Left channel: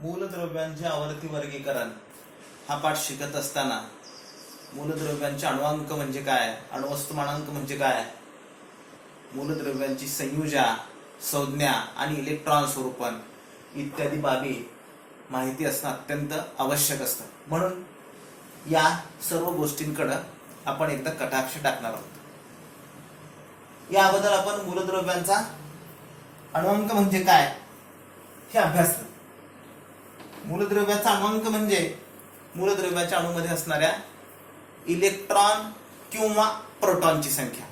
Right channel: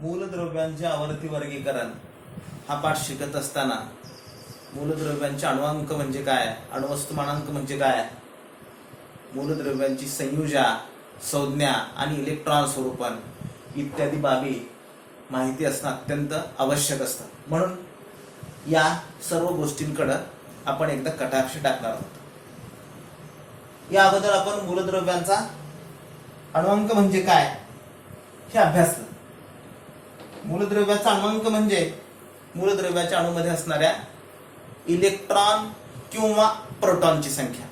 मूलद्रव्यांचे आवर्ती वर्गीकरण हा पाठ शिकत असताना मूलद्रव्यांचे अणुअंक म्हणजे काय, अणुवस्तुमानांक म्हणजे काय, मूलद्रव्यांची संयुजा, संज्ञा आणि इलेक्ट्रॉन स्वरूपन इत्यादी बाबी माहिती असणं अत्यंत आवश्यक असतं. म्हणून या सर्व गोष्टींकडे आपण एकदा कटाक्ष टाकणार आहोत. या अगोदर आपण मूलद्रव्यांचा अणुअंक म्हणजे काय हे अभ्यासलं. मूलद्रव्याचा अणुअंक म्हणजे मूलद्रव्याच्या अणूमध्ये असणाऱ्या इलेक्ट्रॉन किंवा प्रोटॉनची संख्या.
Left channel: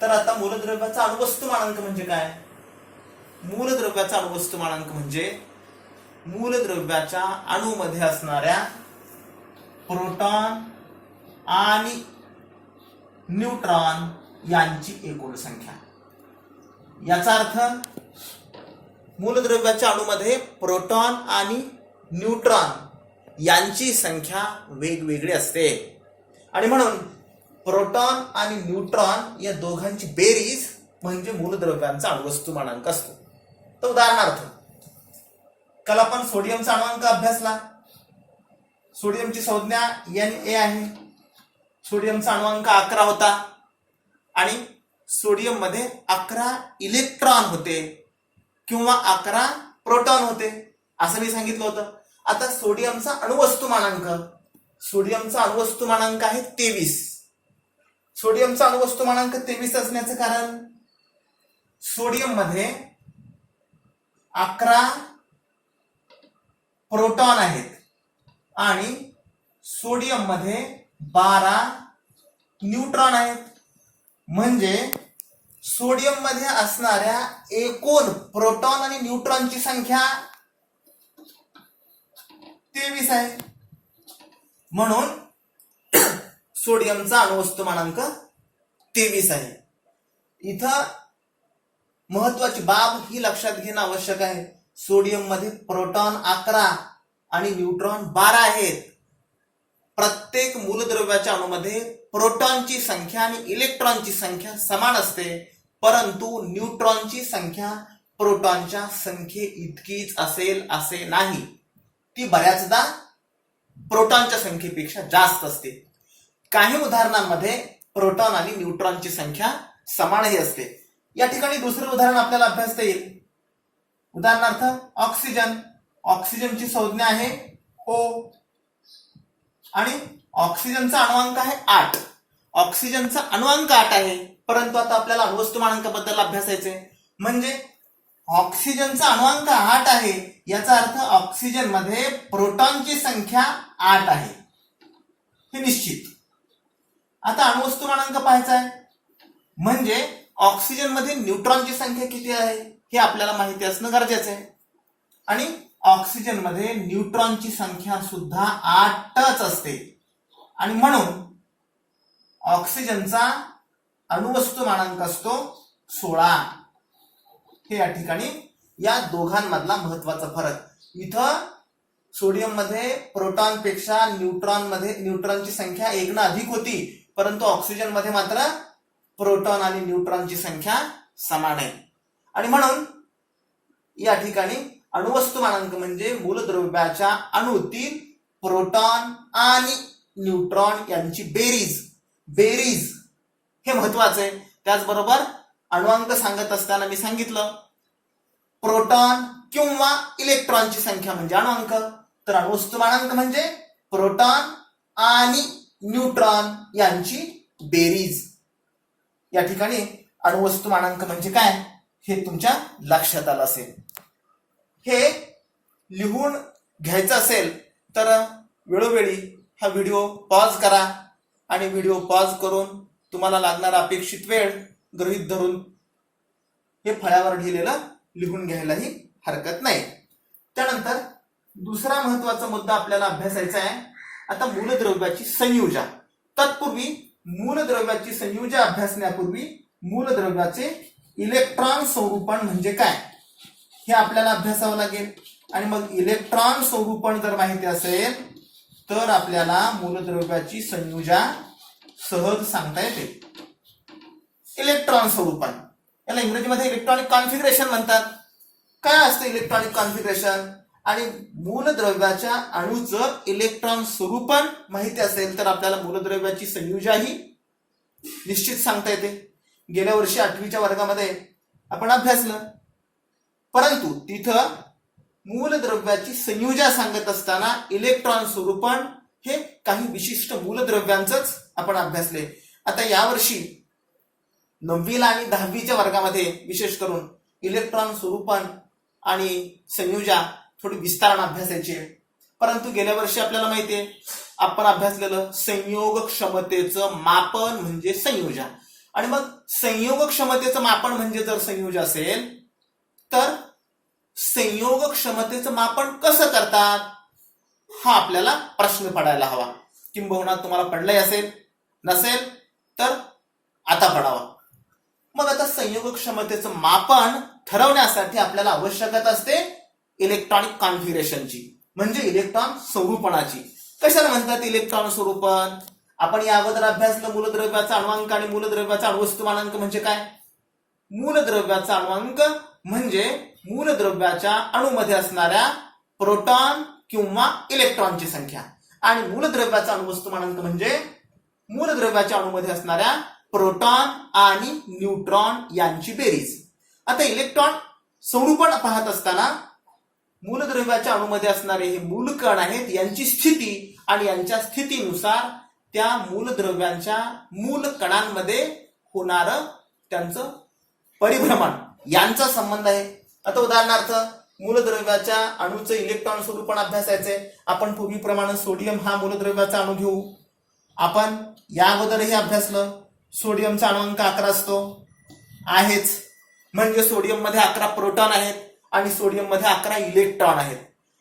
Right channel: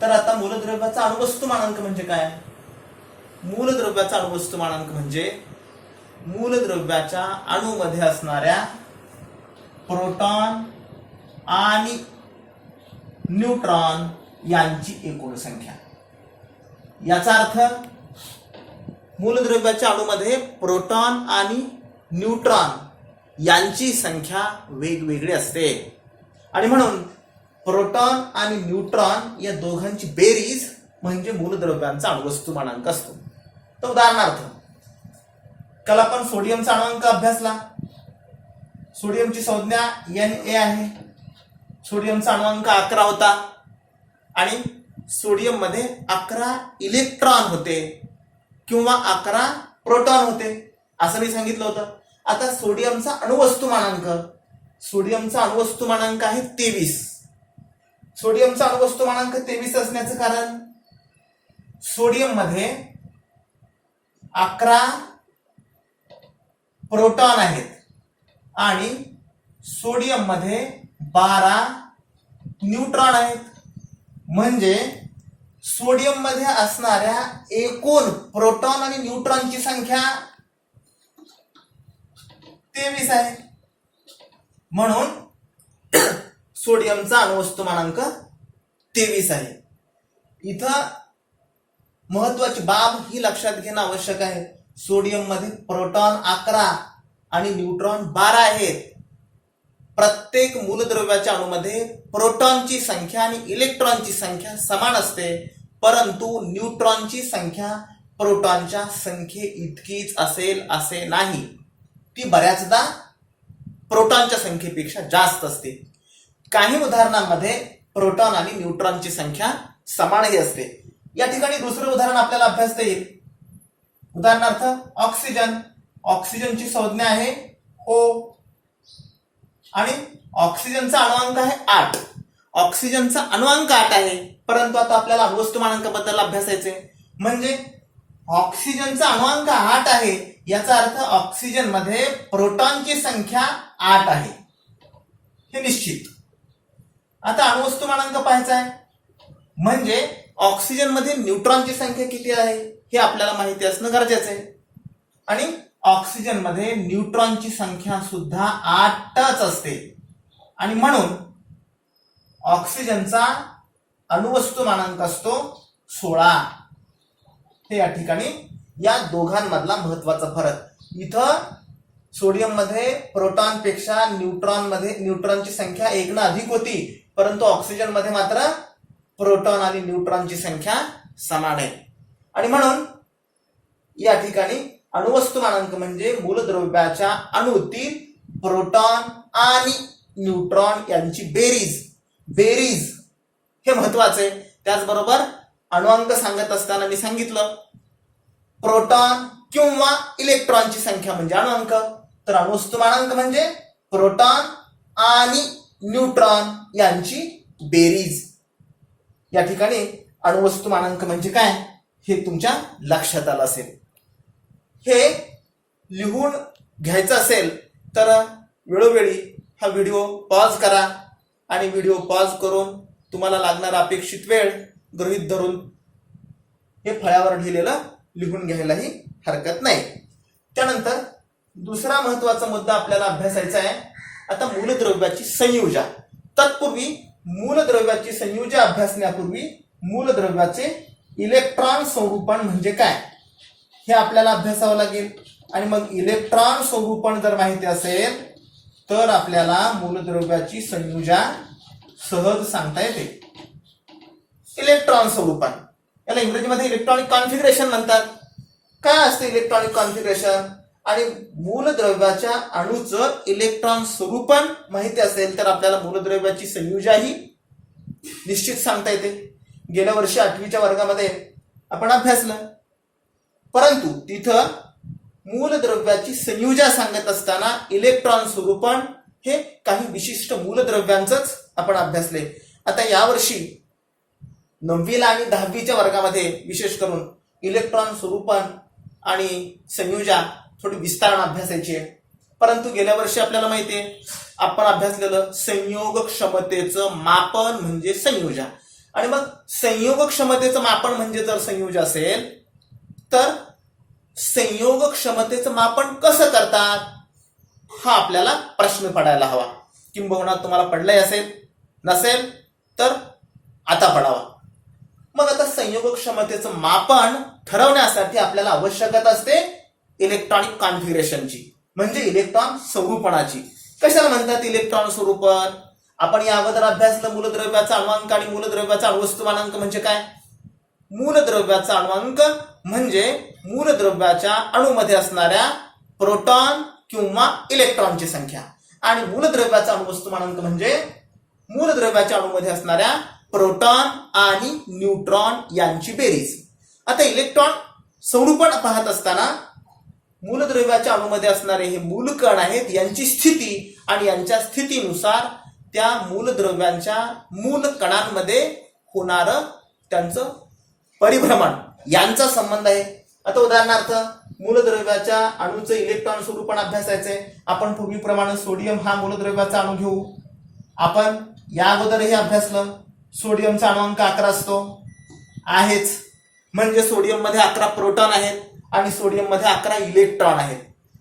तर आता मूलद्रव्याचा अणुवस्तुमानांक म्हणजे काय? मूलद्रव्याचा अणुवस्तुमानांक म्हणजे मूलद्रव्याच्या अणूमध्ये असणाऱ्या प्रोटॉन आणि न्यूट्रॉन यांची एकूण संख्या. याचा अर्थ मूलद्रव्याच्या अणूमध्ये प्रोटॉन आणि न्यूट्रॉन यांची संख्या वेगवेगळी असते आणि म्हणून प्रोटॉन आणि न्यूट्रॉन या दोघांची बेरीज म्हणजे मूलद्रव्यांचा अणुवस्तुमानांक असतो. तर उदाहरणार्थ काल आपण सोडियमचा अणुअंक अभ्यासला. सोडियमची संज्ञा Na आहे. सोडियमचा अणुअंक 11 होता आणि सोडियम मध्ये 11 इलेक्ट्रॉन होते किंवा 11 प्रोटॉन होते असं मी सांगितलं होतं. आता सोडियमचा अणुवस्तुमानांक आहे 23. सोडियमचा अणुवस्तुमानांक 23 असण्याचं कारण सोडियम मध्ये 11 प्रोटॉन आहेत आणि सोडियम मध्ये 12 न्यूट्रॉन आहेत. म्हणजे सोडियम मध्ये असणाऱ्या एकूण प्रोटॉन आणि न्यूट्रॉनची संख्या 23 आहे. म्हणून सोडियमचा अणुवस्तुमानांक 23 आहे. इथं महत्वाची बाब ही लक्षात घेणं आवश्यक आहे. सोडियम मध्ये प्रोटॉन 11 आणि न्यूट्रॉन 12 आहेत. प्रत्येक मूलद्रव्याच्या अणूमध्ये प्रोटॉनची संख्या आणि इलेक्ट्रॉनची संख्या समान असते, परंतु न्यूट्रॉनची संख्या प्रोटॉनच्या संख्ये इतकीच असेल असे नाही. ती बऱ्याचदा प्रोटॉनच्या संख्येपेक्षा जास्त असते. काही उदाहरणांमध्ये प्रोटॉन आणि न्यूट्रॉनची संख्या समानही असते. या ठिकाणी दुसरं उदाहरण आपल्याला अभ्यासता येईल. उदाहरणार्थ ऑक्सिजन. ऑक्सिजनची संज्ञा आहे O आणि ऑक्सिजनचा अणुअंक आहे 8. ऑक्सिजनचा अणुअंक 8 आहे, परंतु आता आपल्याला अणुवस्तुमानांकाबद्दल अभ्यासायचे. म्हणजे ऑक्सिजनचा अणुअंक 8 आहे याचा अर्थ ऑक्सिजन मध्ये प्रोटॉनची संख्या 8 आहे हे निश्चित. आता अणुवस्तुमानांक पाहायचा आहे म्हणजे ऑक्सिजन मध्ये न्यूट्रॉनची संख्या किती आहे हे आपल्याला माहिती असणं गरजेचं आहे. आणि ऑक्सिजन मध्ये न्यूट्रॉनची संख्या सुद्धा 8च असते आणि म्हणून ऑक्सिजनचा अणुवस्तुमानांक असतो 16. हे या ठिकाणी या दोघांमधला महत्वाचा फरक. इथं सोडियम मध्ये प्रोटॉन पेक्षा न्यूट्रॉनची संख्या 1 अधिक होती, परंतु ऑक्सिजन मध्ये मात्र प्रोटॉन आणि न्यूट्रॉनची संख्या समान आहे. आणि म्हणून या ठिकाणी अणुवस्तुमानांक म्हणजे मूलद्रव्याच्या अणूतील प्रोटॉन आणि न्यूट्रॉन यांची बेरीज हे महत्वाचं आहे. त्याचबरोबर अणुअंक सांगत असताना मी सांगितलं प्रोटॉन किंवा इलेक्ट्रॉनची संख्या म्हणजे अणुअंक, तर अणुवस्तुमानांक म्हणजे प्रोटॉन आणि न्यूट्रॉन यांची बेरीज. या ठिकाणी अणुवस्तुमानांक म्हणजे काय हे तुमच्या लक्षात आलं असेल. हे लिहून घ्यायचं असेल तर वेळोवेळी हा व्हिडिओ पॉज करा आणि व्हिडिओ पॉज करून तुम्हाला लागणारा अपेक्षित वेळ गृहीत धरून हे फळ्यावर लिहिलेलं लिहून घ्यायलाही हरकत नाही. त्यानंतर दुसरा महत्वाचा मुद्दा आपल्याला अभ्यासायचा आहे. आता मूलद्रव्याची संयुजा. तत्पूर्वी मूलद्रव्याची संयुजा अभ्यासण्यापूर्वी मूलद्रव्याचे इलेक्ट्रॉन स्वरूपण म्हणजे काय हे आपल्याला अभ्यासावं लागेल. आणि मग इलेक्ट्रॉन स्वरूपण जर माहिती असेल तर आपल्याला मूलद्रव्याची संयुजा सहज सांगता येते. इलेक्ट्रॉन स्वरूपण याला इंग्रजीमध्ये इलेक्ट्रॉनिक कॉन्फिगरेशन म्हणतात. काय असतं इलेक्ट्रॉनिक कॉन्फिगरेशन? आणि मूलद्रव्याच्या अणूचं इलेक्ट्रॉन स्वरूपण माहिती असेल तर आपल्याला मूलद्रव्याची संयुजाही निश्चित सांगता येते. गेल्या वर्षी 8वीच्या वर्गामध्ये आपण अभ्यासलं, परंतु तिथं मूलद्रव्याची संयुजा सांगत असताना इलेक्ट्रॉन स्वरूपण हे काही विशिष्ट मूलद्रव्यांचंच आपण अभ्यासले. आता यावर्षी 9वीला आणि 10वीच्या वर्गामध्ये विशेष करून इलेक्ट्रॉन स्वरूपण आणि संयुजा थोडी विस्ताराने अभ्यासायची आहे. परंतु गेल्या वर्षी आपल्याला माहिती आहे आपण अभ्यासलेलं संयोग क्षमतेचं मापन म्हणजे संयुजा. आणि मग संयोग क्षमतेचं मापन म्हणजे जर संयुजा असेल तर संयोग क्षमतेचं मापन कसं करतात हा आपल्याला प्रश्न पडायला हवा. किंबहुना तुम्हाला पडलाय असेल, नसेल तर आता पडावा. मग आता संयोग क्षमतेचं मापन ठरवण्यासाठी आपल्याला आवश्यकता असते इलेक्ट्रॉनिक कॉन्फिगरेशनची, म्हणजे इलेक्ट्रॉन स्वरूपणाची. कशाला म्हणतात इलेक्ट्रॉन स्वरूपण? आपण या अगोदर अभ्यासलं मूलद्रव्याचा अणुअंक आणि मूलद्रव्याचा अणुवस्तुमानांक म्हणजे काय. मूलद्रव्याचा अणुअंक म्हणजे मूलद्रव्याच्या अणूमध्ये असणाऱ्या प्रोटॉन किंवा इलेक्ट्रॉनची संख्या, आणि मूलद्रव्याचा अणुवस्तुमानांक म्हणजे मूलद्रव्याच्या अणूमध्ये असणाऱ्या प्रोटॉन आणि न्यूट्रॉन यांची बेरीज. आता इलेक्ट्रॉन स्वरूपण पाहत असताना मूलद्रव्याच्या अणूमध्ये असणारे हे मूलकण आहेत, यांची स्थिती आणि यांच्या स्थितीनुसार त्या मूलद्रव्यांच्या मूल कणांमध्ये होणारं त्यांचं परिभ्रमण यांचा संबंध आहे. आता उदाहरणार्थ मूलद्रव्याच्या अणूचं इलेक्ट्रॉन स्वरूपण अभ्यासायचंय. आपण पूर्वीप्रमाणे सोडियम हा मूलद्रव्याचा अणू घेऊ. आपण या अगोदरही अभ्यासलं सोडियमचा अणुअंक 11 असतो आहेच, म्हणजे सोडियम मध्ये 11 प्रोटॉन आहेत आणि सोडियम मध्ये 11 इलेक्ट्रॉन आहेत.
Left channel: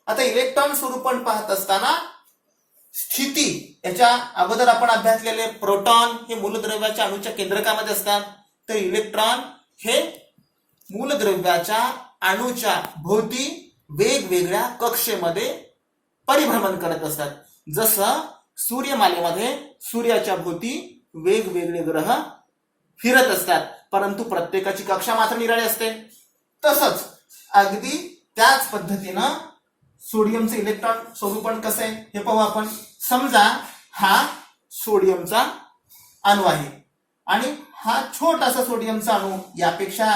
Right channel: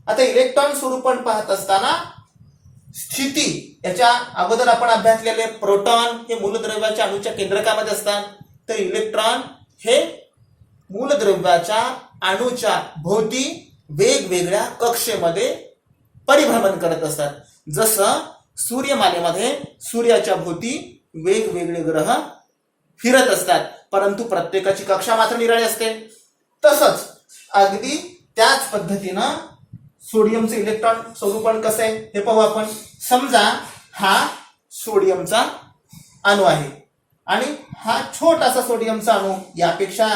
आता इलेक्ट्रॉन स्वरूपण पाहत असताना स्थिती याच्या अगोदर आपण अभ्यासलेले प्रोटॉन हे मूलद्रव्याच्या अणूच्या केंद्रकामध्ये असतात, तर इलेक्ट्रॉन हे मूलद्रव्याच्या अणूच्या भोवती वेगवेगळ्या कक्षेमध्ये परिभ्रमण करत असतात. जसं सूर्यमालेमध्ये सूर्याच्या भोवती वेगवेगळे ग्रह फिरत असतात, परंतु प्रत्येकाची कक्षा मात्र निराळी असते. तसंच अगदी त्याच पद्धतीनं सोडियमचं इलेक्ट्रॉन स्वरूपण कसं आहे हे पाहू आपण. समजा हा सोडियमचा अणू आहे आणि हा छोटासा सोडियमचा अणू यापेक्षा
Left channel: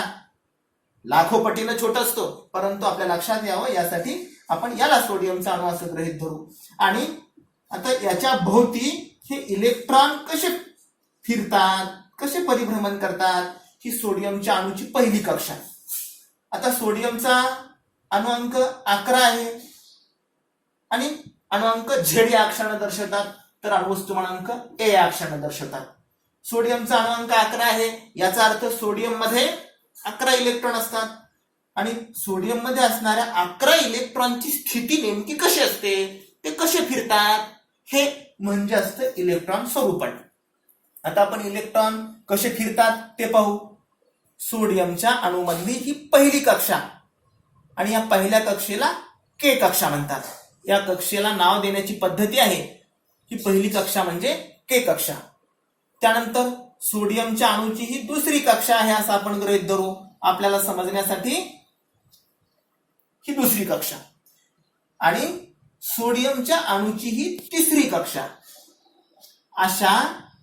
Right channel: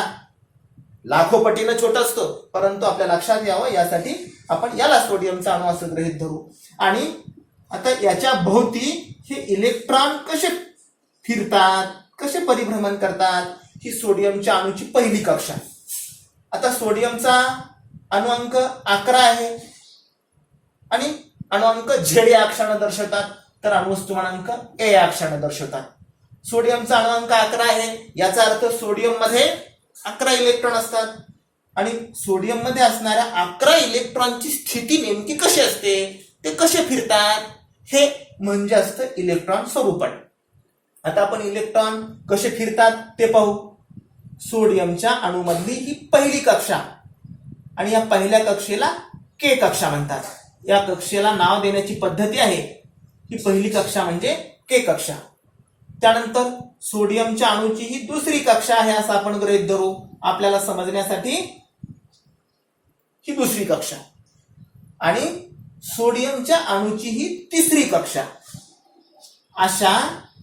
लाखो पटीनं छोटा असतो, परंतु आपल्या लक्षात यावं यासाठी आपण याला सोडियमचा अणू असं गृहीत धरू. आणि आता याच्या भोवती हे इलेक्ट्रॉन कसे फिरतात, कसे परिभ्रमण करतात, ही सोडियमच्या अणूची पहिली कक्षा. आता सोडियमचा अणुअंक 11 आहे आणि अणुअंक झेड या अक्षराने दर्शवतात, तर अणुवस्तुमानांक ए या अक्षराने दर्शवतात. सोडियमचा अणुअंक 11 आहे याचा अर्थ सोडियम मध्ये 11 इलेक्ट्रॉन असतात आणि सोडियम मध्ये असणाऱ्या 11 इलेक्ट्रॉनची स्थिती नेमकी कशी असते, ते कसे फिरतात, हे म्हणजे असतं इलेक्ट्रॉन स्वरूपण. आता आपण इलेक्ट्रॉन कसे फिरतात ते पाहू. सोडियमच्या अणूमधली ही पहिली कक्षा आणि या पहिल्या कक्षेला के कक्षा म्हणतात. या कक्षेला नाव देण्याची पद्धती आहे. ही पहिली कक्षा म्हणजे के कक्षा. त्यानंतर सोडियमच्या अणूची ही दुसरी कक्षा आहे असं आपण गृहीत धरू आपल्याला समजण्यासाठी. ही दुसरी कक्षा आणि सोडियमच्या अणूची ही तिसरी कक्षा. अशा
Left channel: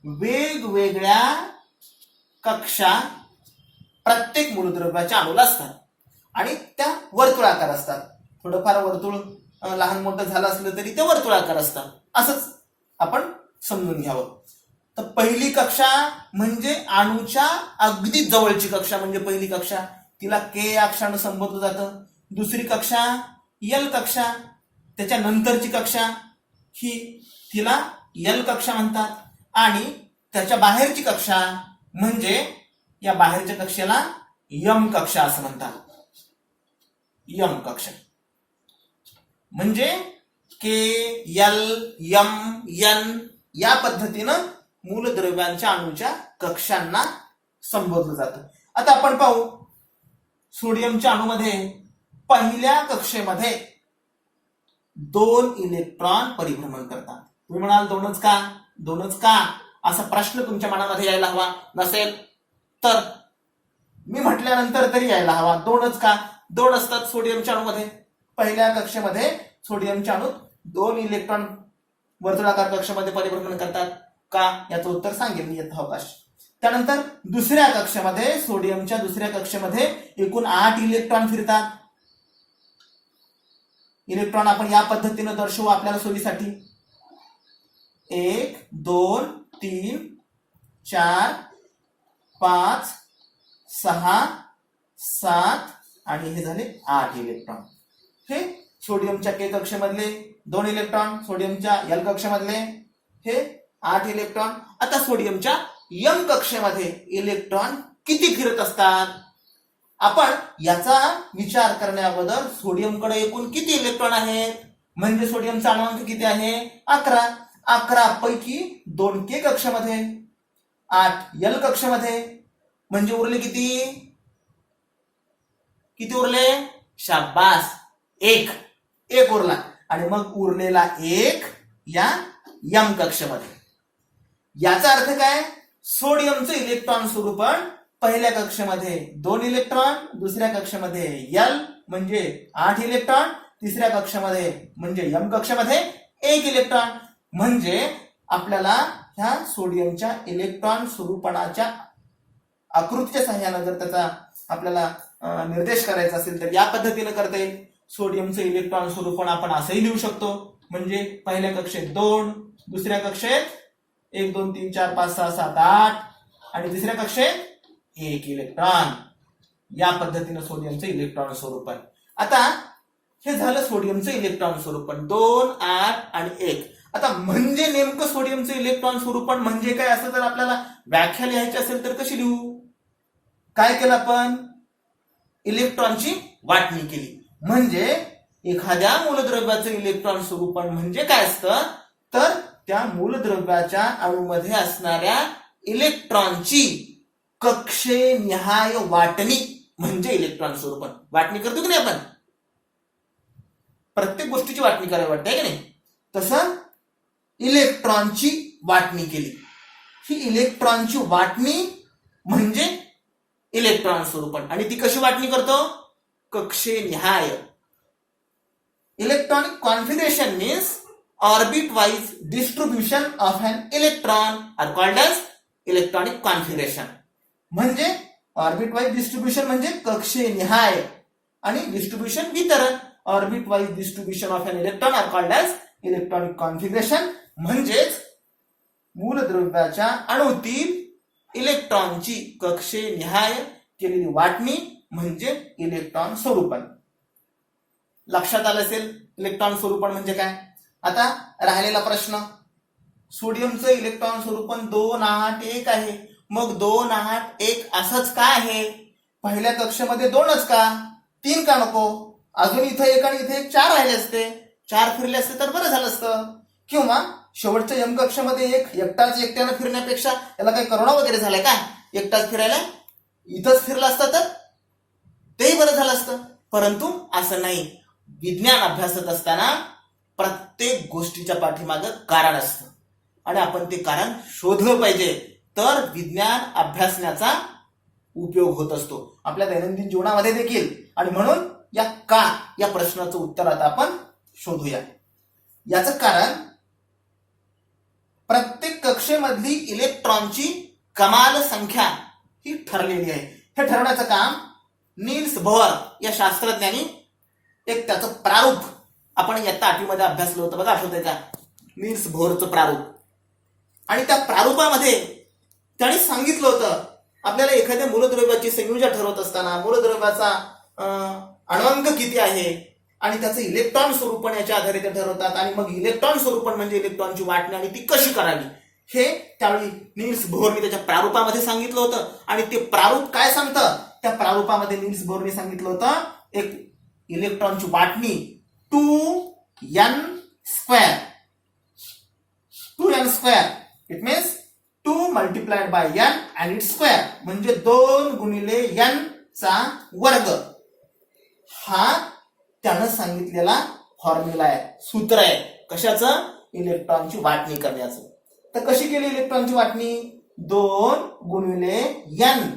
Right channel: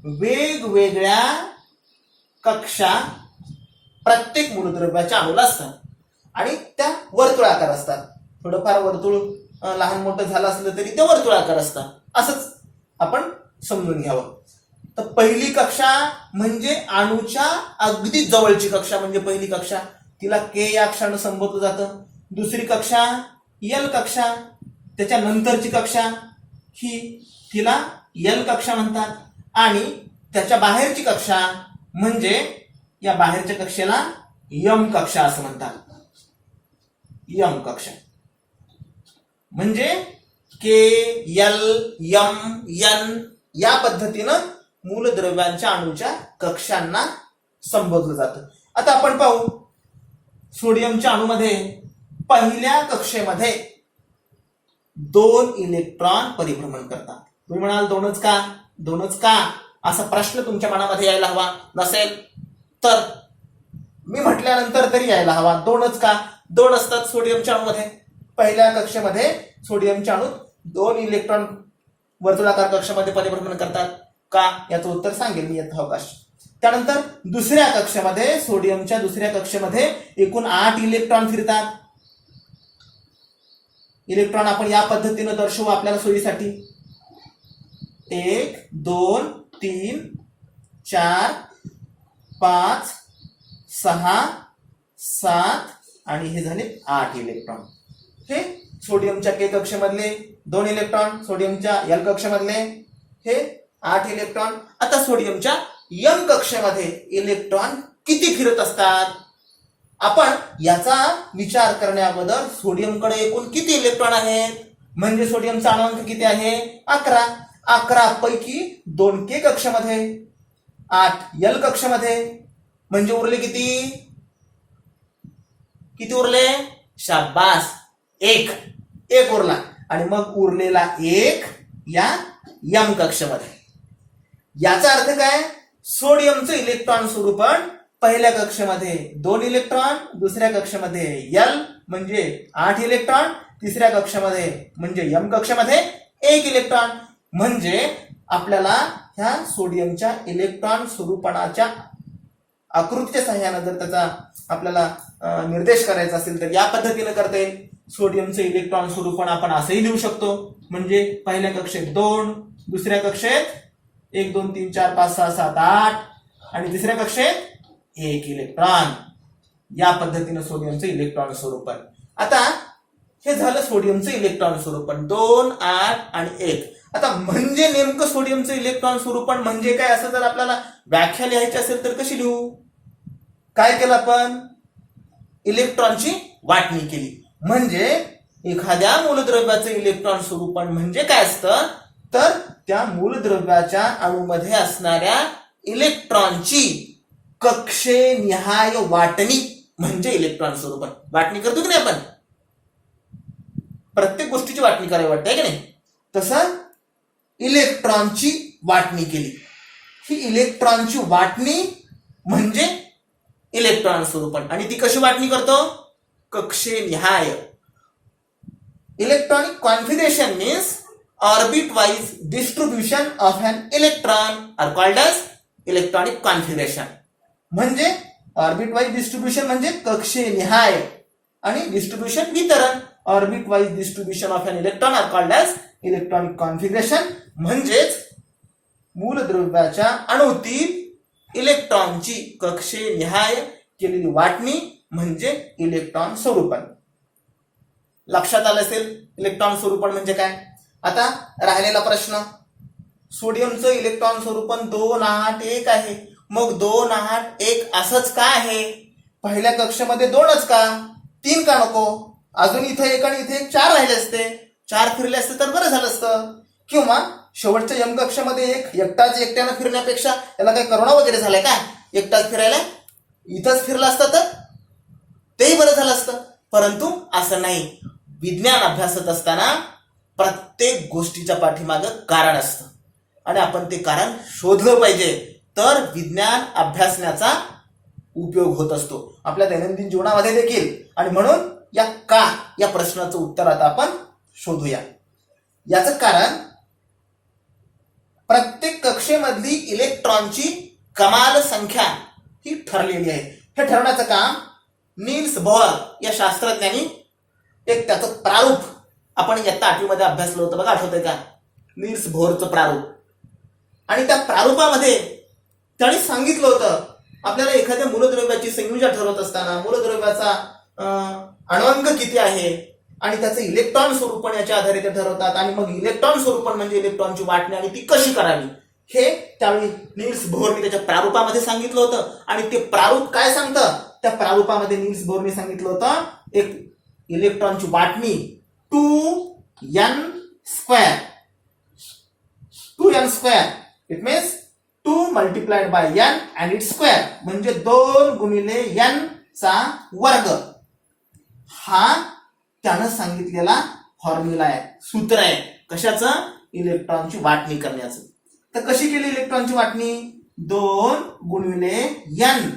वेगवेगळ्या कक्षा प्रत्येक मूलद्रव्याच्या अणूला असतात आणि त्या वर्तुळाकार असतात. थोडंफार वर्तुळ लहान मोठं झालं असलं तरी ते वर्तुळाकार असतात, असंच आपण समजून घ्यावं. तर पहिली कक्षा म्हणजे अणूच्या अगदी जवळची कक्षा म्हणजे पहिली कक्षा, तिला के या अक्षरानं संबोधलं जातं. दुसरी कक्षा यल कक्षा, त्याच्या नंतरची कक्षा ही तिला यल कक्षा म्हणतात आणि त्याच्या बाहेरची कक्षा म्हणजे या बाहेरच्या कक्षेला यम कक्षा असं म्हणतात. यम कक्षा म्हणजे के यल यम यन या पद्धतीनं मूलद्रव्यांच्या अणूच्या कक्षांना संबोधलं जातं. आता आपण पाहू सोडियमच्या अणूमध्ये पहिल्या कक्षेमध्ये 2 इलेक्ट्रॉन परिभ्रमण करतात. तुम्ही म्हणाल दोनच का असा प्रश्न तुमच्या मनामध्ये यायला हवा. नसेल तर मी म्हटल्यानंतर तरी यायला हवा. 2च का? 2 असतात सोडियमच्या अणूमध्ये. पहिल्या कक्षेमध्ये सोडियमचे अणू 2 इलेक्ट्रॉन वर्तुळाकार कक्षामध्ये परिभ्रमण करतात का, याचं उत्तर सांगेल मी यथावकाश. त्यानंतर दुसऱ्या कक्षेमध्ये सोडियमच्या दुसऱ्या कक्षेमध्ये एकूण 8 इलेक्ट्रॉन फिरतात. इलेक्ट्रॉन आपण या पद्धतीने दर्शवू आपल्याला सोयीसाठी. 1 2 3 4 5 6 7 आणि हे झाले 8 इलेक्ट्रॉन. हे सोडियमच्या के कक्षेमधले 2 इलेक्ट्रॉन, सोडियमच्या एल कक्षेमधले हे 8 इलेक्ट्रॉन. आता सोडियमच्या एम कक्षेमध्ये इलेक्ट्रॉन किती फिरत असतात, आपण याचा विचार करण्याबद्दल सोडियमकडे एकूण किती इलेक्ट्रॉन आहेत, म्हणजे सोडियमचा अणुअंक किती आहे 11. 11 पैकी 2 के कक्षेमध्ये, 8 एल कक्षेमध्ये, म्हणजे उरले किती, किती उरले, शाबास, एक उरला. आणि मग उरलेला 1 या एम कक्षेमध्ये. याचा अर्थ काय, सोडियमचं इलेक्ट्रॉन स्वरूपण पहिल्या कक्षेमध्ये 2 इलेक्ट्रॉन, दुसऱ्या कक्षेमध्ये एल म्हणजे 8 इलेक्ट्रॉन, तिसऱ्या कक्षेमध्ये म्हणजे एम कक्षेमध्ये 1 इलेक्ट्रॉन. म्हणजे आपल्याला ह्या सोडियमच्या इलेक्ट्रॉन स्वरूपणाच्या आकृतीच्या सहाय्याने जर त्याचा आपल्याला निर्देश करायचा असेल तर या पद्धतीने करता येईल. सोडियमचं इलेक्ट्रॉन स्वरूपण आपण असंही लिहू शकतो, म्हणजे पहिल्या कक्षेत 2, दुसऱ्या कक्षेत 1 2 3 4 5 6 7 8 आणि तिसऱ्या कक्षेत 1 इलेक्ट्रॉन. या पद्धतीने सोडियमचं इलेक्ट्रॉन स्वरूपण. आता हे झालं सोडियमचं इलेक्ट्रॉन स्वरूपण 2 8 आणि 1. आता म्हणजे नेमकं सोडियमचं इलेक्ट्रॉन स्वरूपण म्हणजे काय, असं जर आपल्याला व्याख्या लिहायची असेल तर कशी लिहू, काय केलं आपण, इलेक्ट्रॉनची वाटणी केली. म्हणजे एखाद्या मूलद्रव्याचं इलेक्ट्रॉन स्वरूपण म्हणजे काय असतं, तर त्या मूलद्रव्याच्या अणूमध्ये असणाऱ्या इलेक्ट्रॉनची कक्षेनिहाय वाटणी म्हणजे इलेक्ट्रॉन स्वरूपण. वाटणी करतो की नाही आपण, प्रत्येक गोष्टीची वाटणी करावी वाटते की नाही, तसं इलेक्ट्रॉनची वाटणी केली. ही इलेक्ट्रॉनची वाटणी म्हणजे इलेक्ट्रॉन स्वरूपण. आणि ती कशी वाटणी करतो, कक्षेनिहाय. Electronic configuration means orbit wise distribution of an electron are called as electronic configuration. म्हणजे ऑर्बिट वाइज डिस्ट्रीब्युशन म्हणजे कक्षेनिहाय आणि डिस्ट्रीब्युशन वितरण. Orbit wise distribution of an electron are called as electronic configuration. म्हणजेच मूलद्रव्याच्या अणूतील इलेक्ट्रॉनची कक्षेनिहाय केलेली वाटणी म्हणजे इलेक्ट्रॉन स्वरूपण. लक्षात आलं असेल इलेक्ट्रॉन स्वरूपण म्हणजे काय. आता राहिलेला प्रश्न, सोडियमचं इलेक्ट्रॉन स्वरूपण 2 8 1 आहे. मग 2 8 1 असंच का आहे, पहिल्या कक्षेमध्ये 2च का, 3 का नको, अजून इथं 1 आणि इथे 1 4 राहिले असते, 4 फिरले असते तर बरं झालं असतं. किंवा शेवटच्या यम कक्षामध्ये एकट्यानं फिरण्यापेक्षा त्याला काही करोना वगैरे झालाय का, एकटाच फिरायला, इथंच फिरला असतं तर तेही बरं झालं असतं. परंतु असं नाही. विज्ञान अभ्यासत असताना प्रत्येक गोष्टीच्या पाठीमागं कारण असतं आणि आपण ते कारण शोधलं पाहिजे, तर विज्ञान अभ्यासण्याचा उपयोग होत असतो आपल्या दैनंदिन जीवनामध्ये देखील. आणि म्हणून या प्रश्नाचं उत्तर आता आपण शोधूया. याचं कारण, प्रत्येक कक्षेमधली इलेक्ट्रॉनची कमाल संख्या ही ठरलेली आहे. हे ठरवण्याचं काम नील्स बोहर या शास्त्रज्ञांनी एक त्याचं प्रारूप आपण इयत्ता 8वी मध्ये अभ्यासलं होतं बघा, आठवतंय का, नील्स बोहरचं प्रारूप. आणि त्या प्रारूपामध्ये त्यांनी सांगितलं होतं आपल्याला एखाद्या मूलद्रव्याची संयोजन ठरवत असताना मूलद्रव्याचा अणुअंक किती आहे आणि त्याचं इलेक्ट्रॉन स्वरूपण याच्या आधारे ते ठरवतात. आणि मग इलेक्ट्रॉन स्वरूपण म्हणजे इलेक्ट्रॉनची वाटणी आणि ती कशी करावी हे त्यावेळी नील्स बोहरने त्याच्या प्रारूपामध्ये सांगितलं होतं. आणि ते प्रारूप काय सांगतं, त्या प्रारूपामध्ये नील्स बोहरने सांगितलं होतं एक इलेक्ट्रॉनची वाटणी 2n square. 2n square it means 2 multiplied by n and it square, म्हणजे 2 गुणिले n चा वर्ग. हा त्यानं सांगितलेला फॉर्म्युला आहे, सूत्र आहे, कशाचं, इलेक्ट्रॉनची वाटणी करण्याचं. तर कशी केली इलेक्ट्रॉनची वाटणी, 2 गुणिले n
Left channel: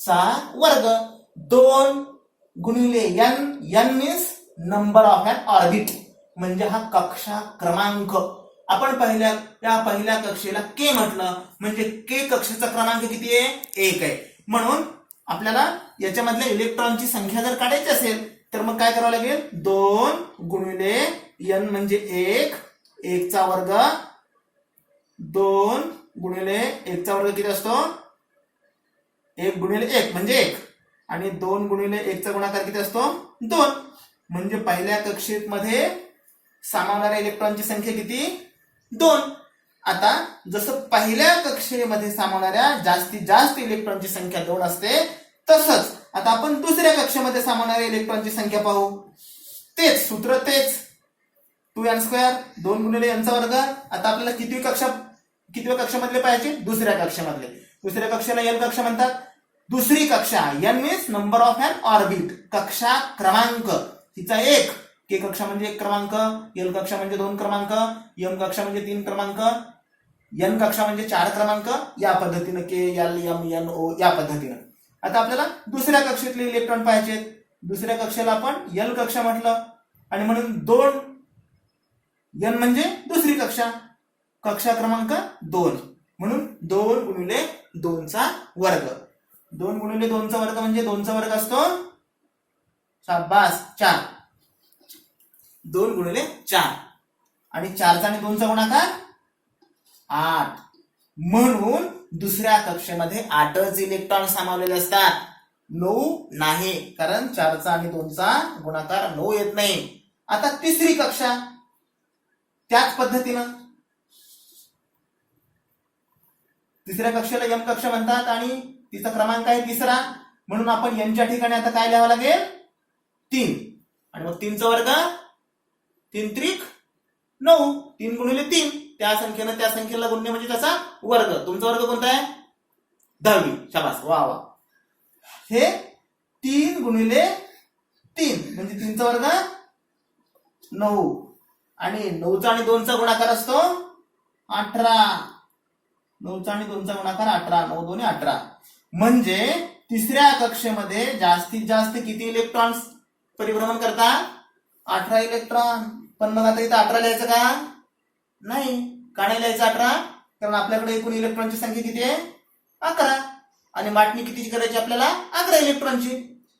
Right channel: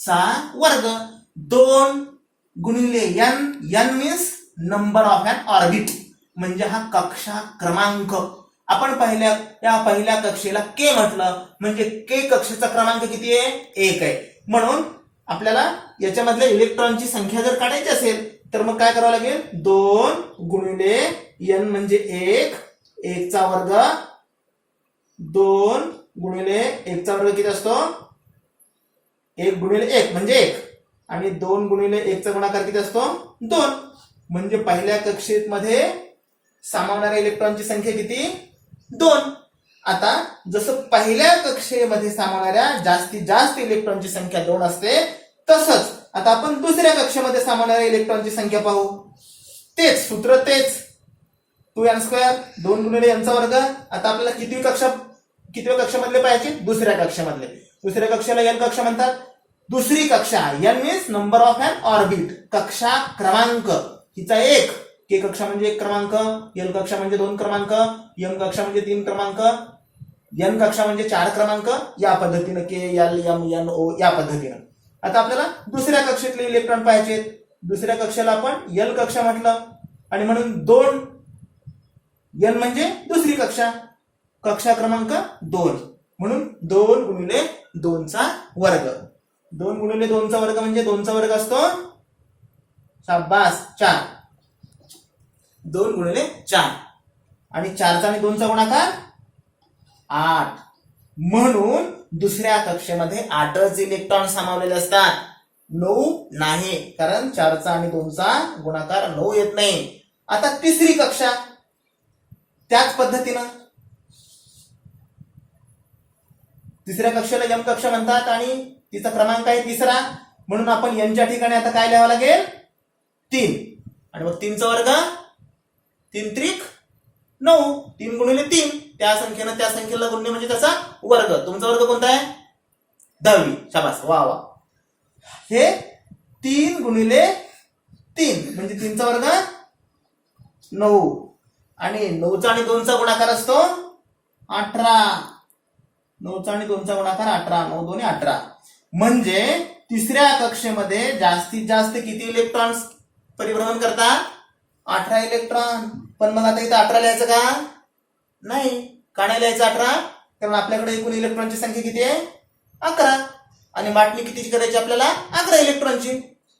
चा वर्ग. 2 गुणिले n, n means number of an orbit, म्हणजे हा कक्षा क्रमांक. आपण पहिल्या कक्षेला के म्हटलं, म्हणजे के कक्षेचा क्रमांक किती आहे? 1 आहे. म्हणून आपल्याला याच्यामधल्या इलेक्ट्रॉनची संख्या जर काढायची असेल तर मग काय करावं लागेल? 2 गुणिले n म्हणजे 1, 1 चा वर्ग, 2 गुणिले 1 चा वर्ग किती असतो? 1 गुणिले 1 म्हणजे 1, आणि 2 गुणिले 1 चा गुणाकार किती असतो? 2. म्हणजे पहिल्या कक्षेमध्ये सामावणाऱ्या इलेक्ट्रॉनची संख्या किती? 2. आता जसं पहिल्या कक्षेमध्ये सामावणाऱ्या जास्तीत जास्त इलेक्ट्रॉनची संख्या 2 असते, तसंच आता आपण दुसऱ्या कक्षेमध्ये सामावणाऱ्या इलेक्ट्रॉनची संख्या पाहू. तेच सूत्र, तेच 2n², 2 गुणिले n चा वर्ग. आता आपल्याला कितव्या कक्षामधले पाहिजे? दुसऱ्या कक्षामधले. दुसऱ्या कक्षाला एल कक्षा म्हणतात. दुसरी कक्षा, n means number of an orbit, कक्षा क्रमांक. तिचा 1, के कक्षा म्हणजे 1 क्रमांक, एल कक्षा म्हणजे 2 क्रमांक, एम कक्षा म्हणजे 3 क्रमांक, एन कक्षा म्हणजे 4 क्रमांक. या पद्धतीनं के, एल, एम, एन, ओ या पद्धतीनं. आता आपल्याला दुसऱ्या कक्षेतले इलेक्ट्रॉन पाहिजेत. दुसऱ्या कक्षाला आपण एल कक्षा म्हटलं, आणि म्हणून 2 एन म्हणजे दुसरी कक्षा, कक्षा क्रमांक 2. म्हणून 2 गुणिले 2 चा वर्ग. 2 गुणिले 2 चा वर्ग म्हणजे 2 चा वर्ग असतो, शाबास, 4. 2 गुणिले 4, आणि 4 चा आणि 2 चा गुणाकार 8. म्हणून दुसऱ्या कक्षेमध्ये 8च इलेक्ट्रॉन सामावलेले असतात, 9 नाही, कारण 4 चा आणि 2 चा गुणाकार 9 येत नाही. आता तिसरी कक्षा त्याच पद्धतीनं, तिसऱ्या कक्षेला एम कक्षा म्हणतात आणि तिचा क्रमांक आहे 3. म्हणून आपण एनच्या ठिकाणी आता काय लिहावं लागेल? 3, आणि मग 3 चा वर्ग, 3 त्रिक 9, 3 गुणिले 3, त्या संख्येनं त्या संख्येला गुणणे म्हणजे त्याचा वर्ग. तुमचा वर्ग कोणता आहे? 10वी. शाबास, वा वा. हे 3 गुणिले 3 म्हणजे 3 चा वर्ग 9, आणि 9 चा आणि 2 चा गुणाकार असतो 18. 9 चा आणि 2 चा गुणाकार 18, 9 2 18. म्हणजे तिसऱ्या कक्षेमध्ये जास्तीत जास्त किती इलेक्ट्रॉन्स परिभ्रमण करतात? 18 इलेक्ट्रॉन. पण मग आता इथं 18 लिहायचं का? नाही. का नाही लिहायचं 18? कारण आपल्याकडे एकूण इलेक्ट्रॉनची संख्या किती आहे? 11, आणि वाटणी कितीची करायची आपल्याला? 11 इलेक्ट्रॉनची.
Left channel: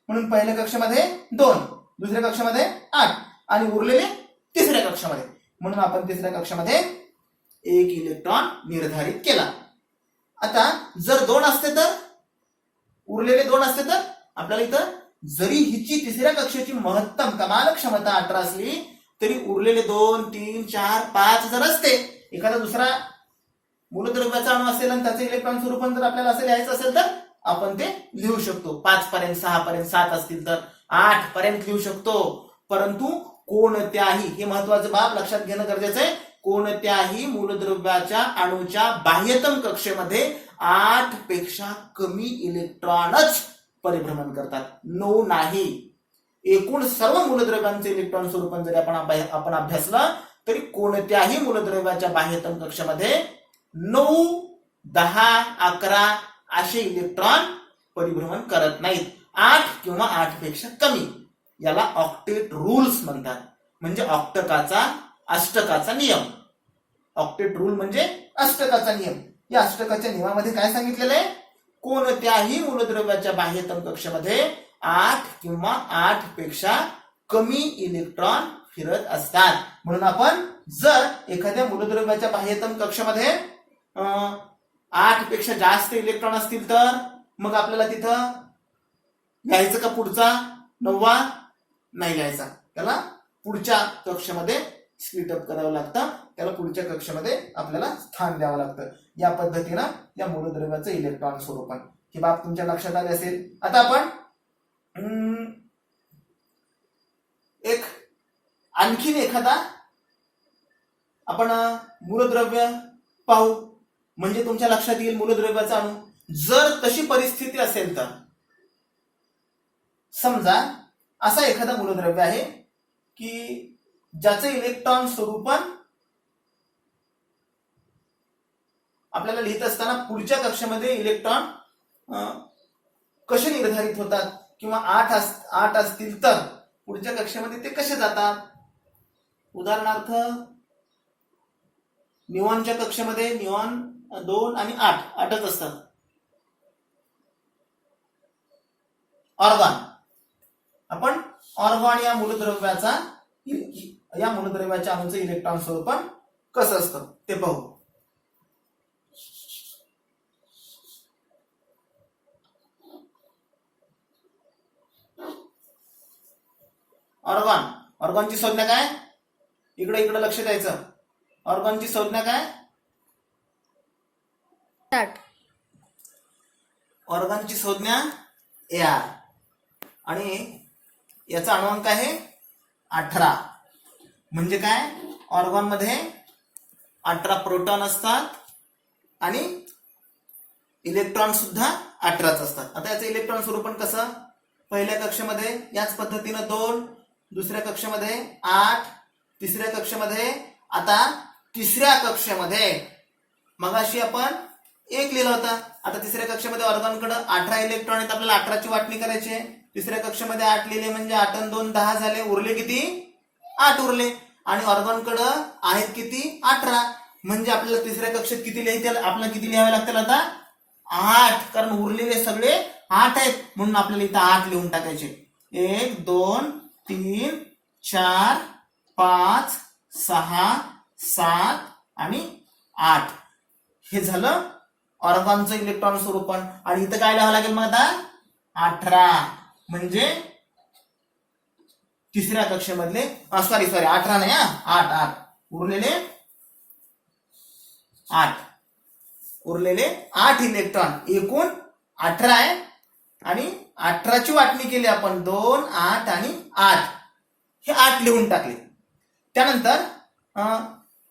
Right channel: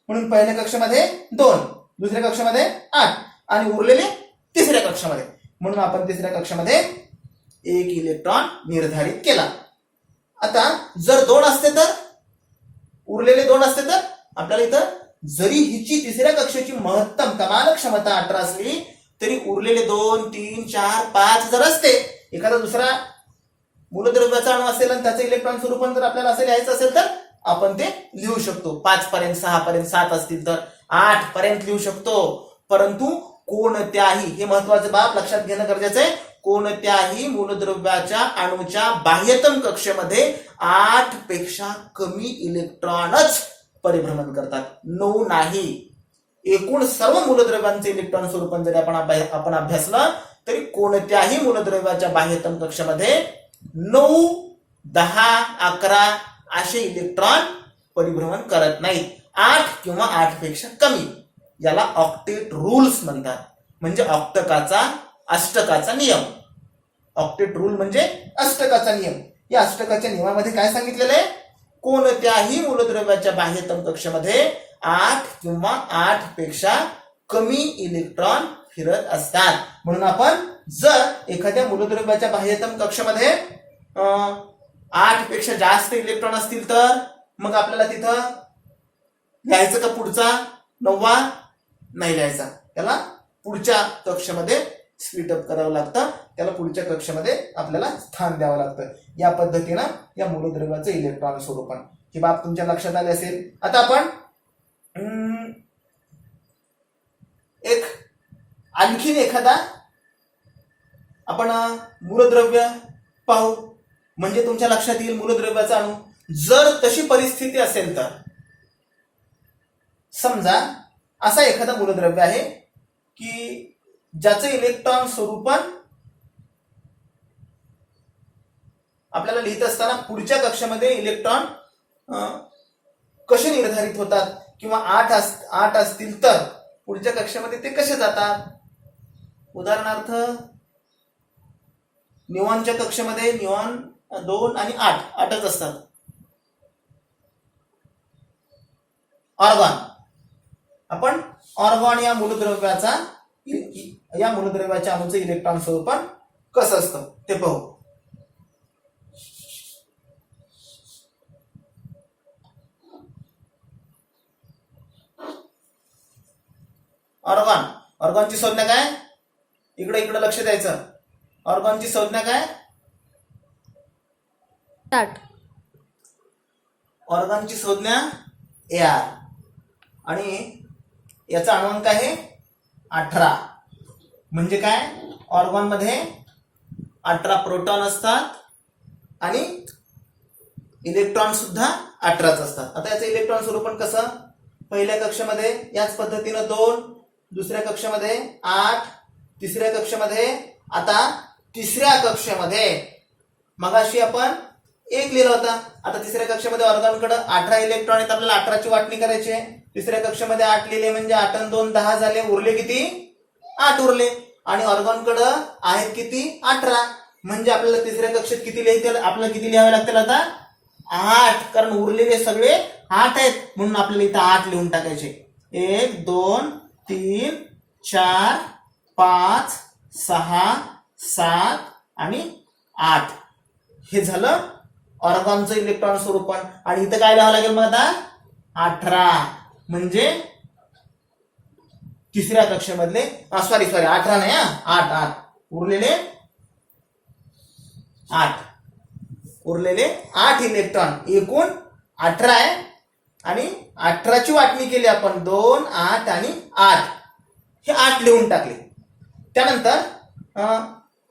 म्हणून पहिल्या कक्षामध्ये 2, दुसऱ्या कक्षामध्ये 8, आणि उरलेले तिसऱ्या कक्षामध्ये. म्हणून आपण तिसऱ्या कक्षामध्ये 1 इलेक्ट्रॉन निर्धारित केला. आता जर 2 असते तर, उरलेले 2 असते तर, आपल्याला इथं जरी हिची तिसऱ्या कक्षेची महत्तम कमाल क्षमता 18 असली तरी उरलेले 2, 3, 4, 5 जर असते, एखादा दुसरा मूलद्रव्याचा अणू असेल आणि त्याचं इलेक्ट्रॉन स्वरूपण जर आपल्याला असं लिहायचं असेल तर आपण ते लिहू शकतो. 5 पर्यंत, 6 पर्यंत, 7 असतील तर 8 पर्यंत लिहू शकतो. परंतु कोणत्याही, हे महत्वाचे बाब लक्षात घेणं गरजेचं आहे, कोणत्याही मूलद्रव्याच्या अणूच्या बाह्यतम कक्षेमध्ये 8 पेक्षा कमी इलेक्ट्रॉनच परिभ्रमण करतात, 9 नाही. एकूण सर्व मूलद्रव्यांचे इलेक्ट्रॉन स्वरूपण जरी आपण अभ्यासलं तरी कोणत्याही मूलद्रव्याच्या बाह्यतम कक्षेमध्ये 9, 10, 11 असे इलेक्ट्रॉन परिभ्रमण करत नाहीत. 8 किंवा 8 पेक्षा कमी. याला ऑक्टेट रूल्स म्हणतात, म्हणजे अष्टकाचा नियम. ऑक्टेट रूल म्हणजे अष्टकाचा नियम. या अष्टकाच्या नियमामध्ये काय सांगितलेलं आहे? कोणत्याही मूलद्रव्याच्या बाह्यतम कक्षेमध्ये 8 किंवा 8 पेक्षा कमी इलेक्ट्रॉन फिरत असतात. म्हणून आपण जर एखाद्या मूलद्रव्याच्या बाह्यतम कक्षेमध्ये 8 पेक्षा जास्त इलेक्ट्रॉन असतील तर मग आपल्याला तिथं लिहायचं का पुढचा 9वा? नाही लिहायचा. त्याला पुढच्या कक्षेमध्ये स्प्लिट अप करावं लागतं, त्याला पुढच्या कक्षेमध्ये आपल्याला स्थान द्यावं लागतं. या पद्धतीनं या मूलद्रव्याचं इलेक्ट्रॉन स्वरूपण, ही बाब तुमच्या लक्षात आली असेल. आता आपण आणखीन एखादा आपण मूलद्रव्य पाहू, म्हणजे तुमच्या लक्षात येईल मूलद्रव्याचा अणू. जर तशी परिस्थिती असेल तर, समजा असा एखादा मूलद्रव्य आहे की ज्याचं इलेक्ट्रॉन स्वरूपण आपल्याला लिहित असताना पुढच्या कक्षेमध्ये इलेक्ट्रॉन कसे निर्धारित होतात, किंवा 8 असतील तर पुढच्या कक्षेमध्ये ते कसे जातात. उदाहरणार्थ निऑनच्या कक्षेमध्ये निऑन 2 आणि 8च असतात. ऑर्गॉन, आपण ऑर्गॉन या मूलद्रव्याच्या अणूचं इलेक्ट्रॉन स्वरूपण कसं असतं ते पाहू. ऑर्गॉनची संज्ञा काय. इकडे लक्ष द्यायचं. ऑर्गॉनची संज्ञा काय. ऑर्गॉनची संज्ञा Ar आणि याचा अणुअंक आहे 18. म्हणजे काय, ऑर्गॉन मध्ये 18 प्रोटॉन असतात आणि इलेक्ट्रॉन सुद्धा 18च असतात. आता याचं इलेक्ट्रॉन स्वरूपण कसं. पहिल्या कक्षेमध्ये याच पद्धतीनं 2, दुसऱ्या कक्षेमध्ये 8, तिसऱ्या कक्षेमध्ये, आता तिसऱ्या कक्षेमध्ये मगाशी आपण 1 लिहिलं होतं. आता तिसऱ्या कक्षेमध्ये ऑर्गॉनकडे 18 इलेक्ट्रॉन आहेत. आपल्याला 18ची वाटणी करायची आहे. तिसऱ्या कक्षेमध्ये 8 लिहिले म्हणजे 8 आणि 2 10 झाले. उरले किती. 8 उरले. आणि ऑर्गॉनकडे आहेत किती. 18. म्हणजे आपल्याला तिसऱ्या कक्षेत किती लिहावे लागतील आता 8. कारण उरलेले सगळे 8 आहेत. म्हणून आपल्याला इथं 8 लिहून टाकायचे. 1 2 3 4 5 6 7 आणि 8. हे झालं ऑर्गॉनचं इलेक्ट्रॉन स्वरूपण. आणि इथं काय लिहावं लागेल मग आता 18. म्हणजे तिसऱ्या कक्षेमधले सॉरी 18 नाही 8 उरलेले 8 इलेक्ट्रॉन. एकूण 18 आहे. आणि 18ची वाटणी केली आपण 2 8 आणि 8. हे 8 लिहून टाकले. त्यानंतर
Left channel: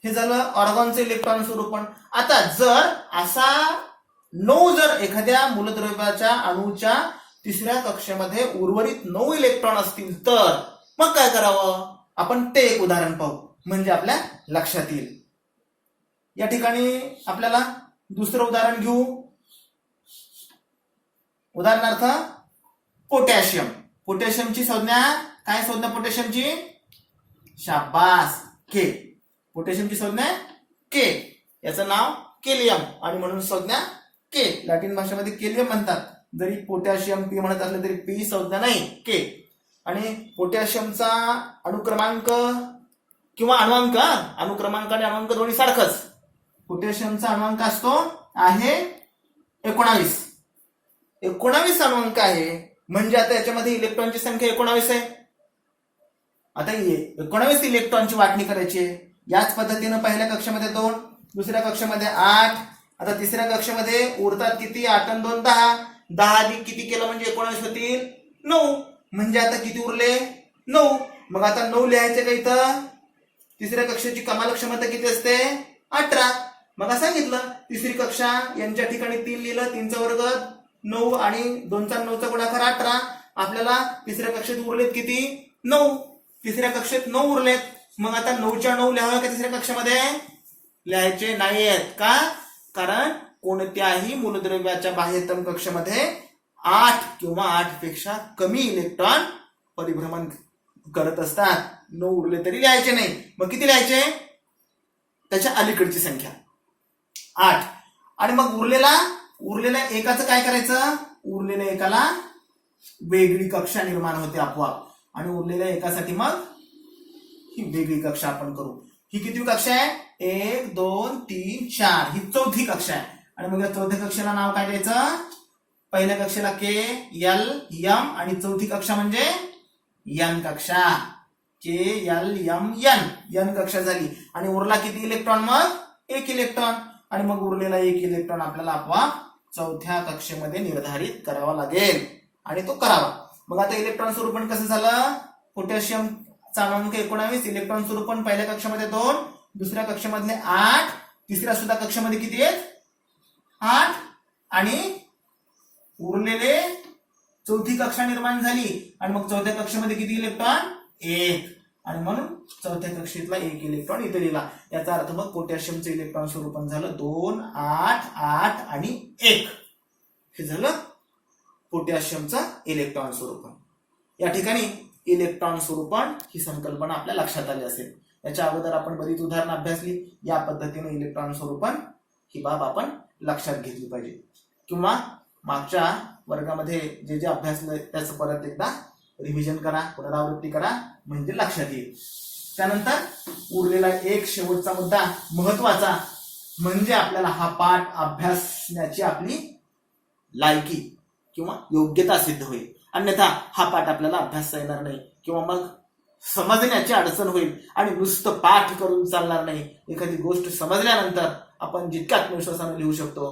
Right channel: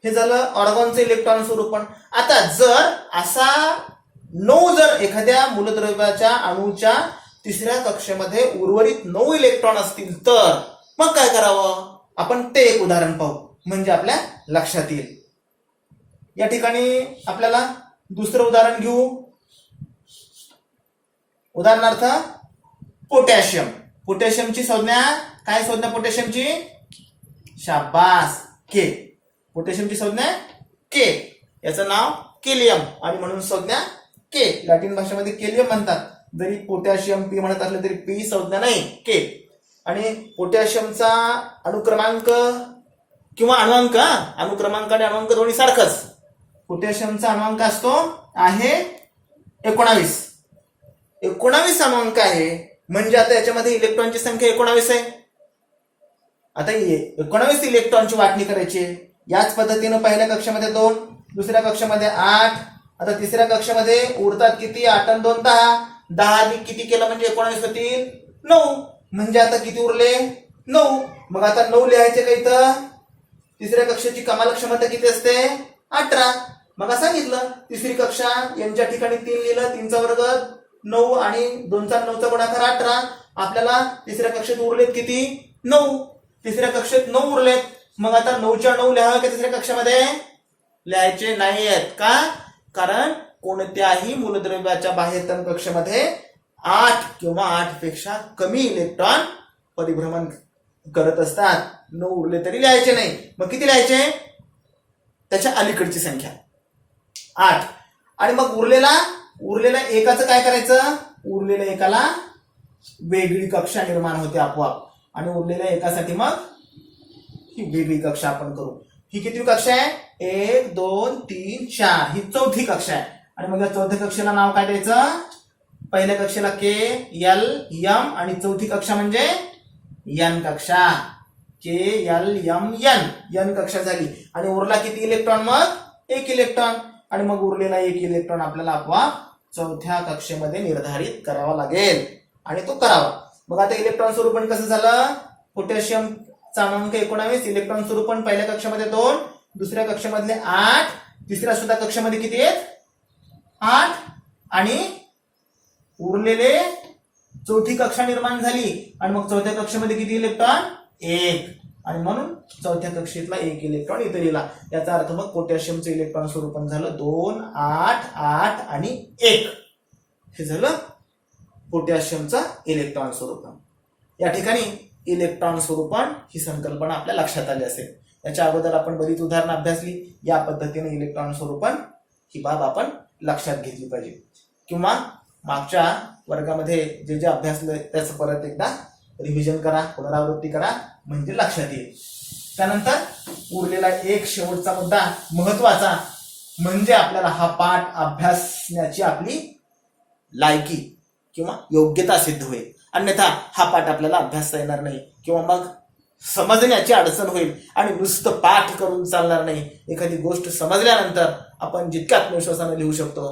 हे झालं ऑर्गॉनचं इलेक्ट्रॉन स्वरूपण. आता जर असा 9 जर एखाद्या मूलद्रव्याच्या अणूच्या तिसऱ्या कक्षेमध्ये उर्वरित 9 इलेक्ट्रॉन असतील तर मग काय करावं. आपण ते एक उदाहरण पाहू म्हणजे आपल्या लक्षात येईल. या ठिकाणी आपल्याला दुसरं उदाहरण घेऊ. उदाहरणार्थ पोटॅशियम. पोटॅशियमची संज्ञा काय. संज्ञा पोटॅशियमची शाबास के. पोटॅशियमची संज्ञा के. याचं नाव केलियम आणि म्हणून संज्ञा के. लॅटिन भाषेमध्ये केलियम म्हणतात. जरी पोटॅशियम पी म्हणत असले तरी पी संज्ञा नाही के. आणि पोटॅशियमचा अणुक्रमांक किंवा अणुअंक आणि अणुअंक दोन्ही सारखंच. पोटॅशियमचा अणुअंक असतो आहे 19 अणुअंक आहे. म्हणजे आता याच्यामध्ये इलेक्ट्रॉनची संख्या 19 आहे. आता 19 इलेक्ट्रॉनची वाटणी करायची. याच पद्धतीनं पहिल्या कक्षेमध्ये 2, दुसऱ्या कक्षेमध्ये 8. आता तिसऱ्या कक्षेमध्ये उरतात किती. 8 आणि 2 10. 10 किती केलं म्हणजे 19 होतील 9. म्हणजे आता किती उरले 9. मग आता 9 लिहायचे का इथं. तिसऱ्या कक्षेची कमाल क्षमता किती असते 18. मग सांगितलं तिसरी कक्षा यांच्या ठिकाणी 3 लिहिलं. 3चा वर्ग 9 आणि 2चा 9चा गुणाकार 18. आपल्याला तिसऱ्या कक्षेत उरलेत किती 9. तिसऱ्या कक्षेत 9 उरलेत. मग आता 9च्या 9 लिहावे का तिसऱ्या कक्षामध्ये. लिहायचे नाहीयेत का. कारण कोणत्याही मूलद्रव्याच्या बाह्यतम कक्षेमध्ये 8 किंवा 8 पेक्षा कमी इलेक्ट्रॉन परिभ्रमण करत असतात. 9 उरले तरी लिहायचे नाही. मग किती लिहायचे त्याच्या अलीकडची संख्या 8. आणि मग उरलेल्या एकाचं काय करायचं. उरलेल्या एकाला वेगळी कक्षा निर्माण होते आपोआप. आणि उरलेल्या एकासाठी मग ही वेगळी कक्षा आपण करू. ही किती कक्षा आहे 1 2 3 4. ही चौथी कक्षा आहे. आणि मग या चौथ्या कक्षेला नाव काय द्यायचं. पहिल्या कक्षेला के एल एम आणि चौथी कक्षा म्हणजे एन कक्षा. के एल एम एन कक्षा झाली. आणि उरला किती इलेक्ट्रॉन मग 1 इलेक्ट्रॉन. आणि मग उरलेला 1 इलेक्ट्रॉन आपल्याला आपोआप चौथ्या कक्षेमध्ये निर्धारित करावा लागेल. आणि तो करावा. मग आता इलेक्ट्रॉन स्वरूपण कसं झालं. पोटॅशियमचा अणुअंक 19. इलेक्ट्रॉन स्वरूपण पहिल्या कक्षेमध्ये 2, दुसऱ्या कक्षेमधले 8, तिसऱ्या सुद्धा कक्षेमध्ये किती आहेत 8. आणि उरलेले चौथी कक्षा निर्माण झाली. आणि मग चौथ्या कक्षेमध्ये किती इलेक्ट्रॉन 1. आणि म्हणून चौथ्या कक्षेतला 1 इलेक्ट्रॉन इथे लिहिला. याचा अर्थ मग पोटॅशियमचं इलेक्ट्रॉन स्वरूपण झालं 2 8 8 आणि 1. हे झालं पोटॅशियमचा इलेक्ट्रॉन स्वरूपण. या ठिकाणी इलेक्ट्रॉन स्वरूपण ही संकल्पना आपल्या लक्षात आली असेल. याच्या अगोदर आपण बरीच उदाहरणं अभ्यासली. या पद्धतीने इलेक्ट्रॉन स्वरूपण ही बाब आपण लक्षात घेतली पाहिजे. किंवा मागच्या वर्गामध्ये जे जे अभ्यासलं त्याचं परत एकदा रिव्हिजन करा, पुनरावृत्ती करा, म्हणजे लक्षात येईल. त्यानंतर उरलेला एक शेवटचा मुद्दा महत्वाचा म्हणजे आपल्याला हा पाठ अभ्यासण्याची आपली लायकी किंवा योग्यता सिद्ध होईल. अन्यथा हा पाठ आपल्याला अभ्यासता येणार नाही किंवा मग समजण्याची अडचण होईल आणि नुसतं पाठ करून चालणार नाही. एखादी गोष्ट समजल्यानंतर आपण जितक्या आत्मविश्वासानं लिहू शकतो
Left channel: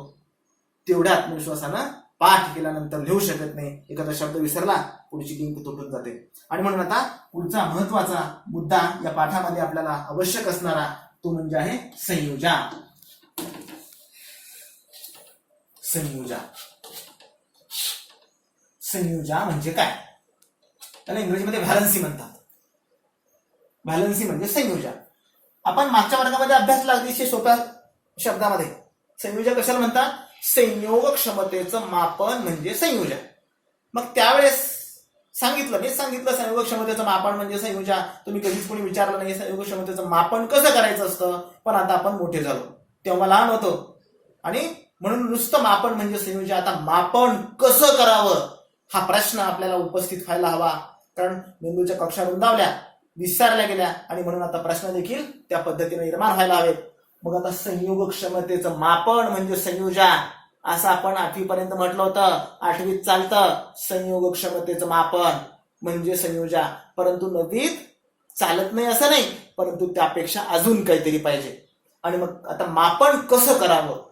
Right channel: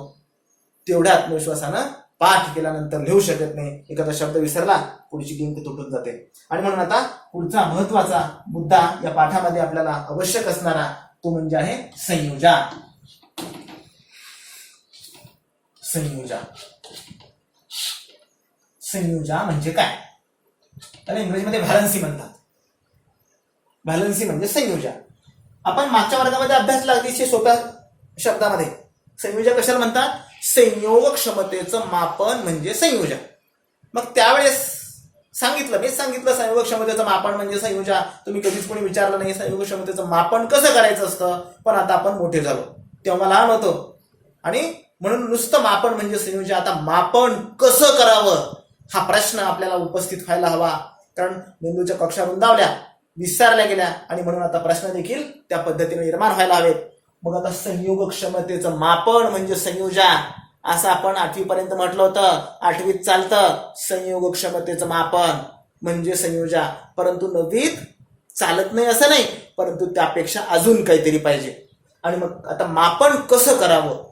तेवढ्या आत्मविश्वासानं पाठ केल्यानंतर लिहू शकत नाही. एखादा शब्द विसरला पुढची लिंक तुटून जाते. आणि म्हणून आता पुढचा महत्वाचा मुद्दा या पाठामध्ये आपल्याला आवश्यक असणारा तो म्हणजे आहे संयोजा. संयोजा संयोजा म्हणजे काय? त्याला इंग्रजीमध्ये व्हॅलन्सी म्हणतात. व्हॅलन्सी म्हणजे संयोजा. आपण मागच्या वर्गामध्ये अभ्यासला अतिशय सोप्या शब्दामध्ये. संयोजा कशाला म्हणतात? संयोग क्षमतेचं मापन म्हणजे संयोजा. मग त्यावेळेस मीच सांगितलं संयोग क्षमतेचं मापन म्हणजे संयोजा. तुम्ही कधीच कोणी विचारलं नाही संयोग क्षमतेचं मापन कसं करायचं असतं. पण आता आपण मोठे झालो, तेव्हा लहान होतो आणि म्हणून नुसतं मापन म्हणजे संयोजा. आता मापन कसं करावं हा प्रश्न आपल्याला उपस्थित व्हायला हवा. कारण मेंदूच्या कक्षा रुंदावल्या, विस्तारल्या गेल्या आणि म्हणून आता प्रश्न देखील त्या पद्धतीने निर्माण व्हायला हवेत. मग आता संयोग क्षमतेचं मापन म्हणजे संयोजा असं आपण 8वी पर्यंत म्हटलं होतं. 8वीत चालतं संयोग क्षमतेचं मापन म्हणजे संयोजा. परंतु 9वीत चालत नाही असं नाही, परंतु त्यापेक्षा अजून काहीतरी पाहिजे. आणि मग आता मापन कसं करावं,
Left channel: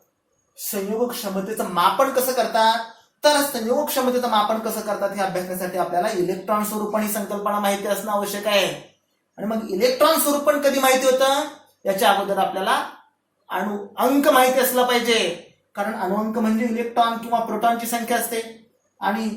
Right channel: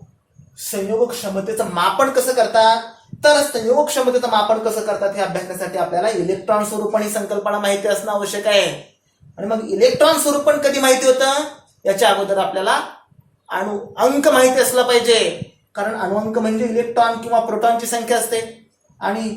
संयोग क्षमतेचं मापन कसं करतात, तर संयोग क्षमतेचं मापन कसं करतात हे अभ्यासण्यासाठी आपल्याला इलेक्ट्रॉन स्वरूपण ही संकल्पना माहिती असणं आवश्यक आहे. आणि मग इलेक्ट्रॉन स्वरूपण कधी माहिती होतं? याच्या अगोदर आपल्याला अंक माहिती असला पाहिजे. कारण अणुअंक म्हणजे इलेक्ट्रॉन किंवा प्रोटॉनची संख्या असते आणि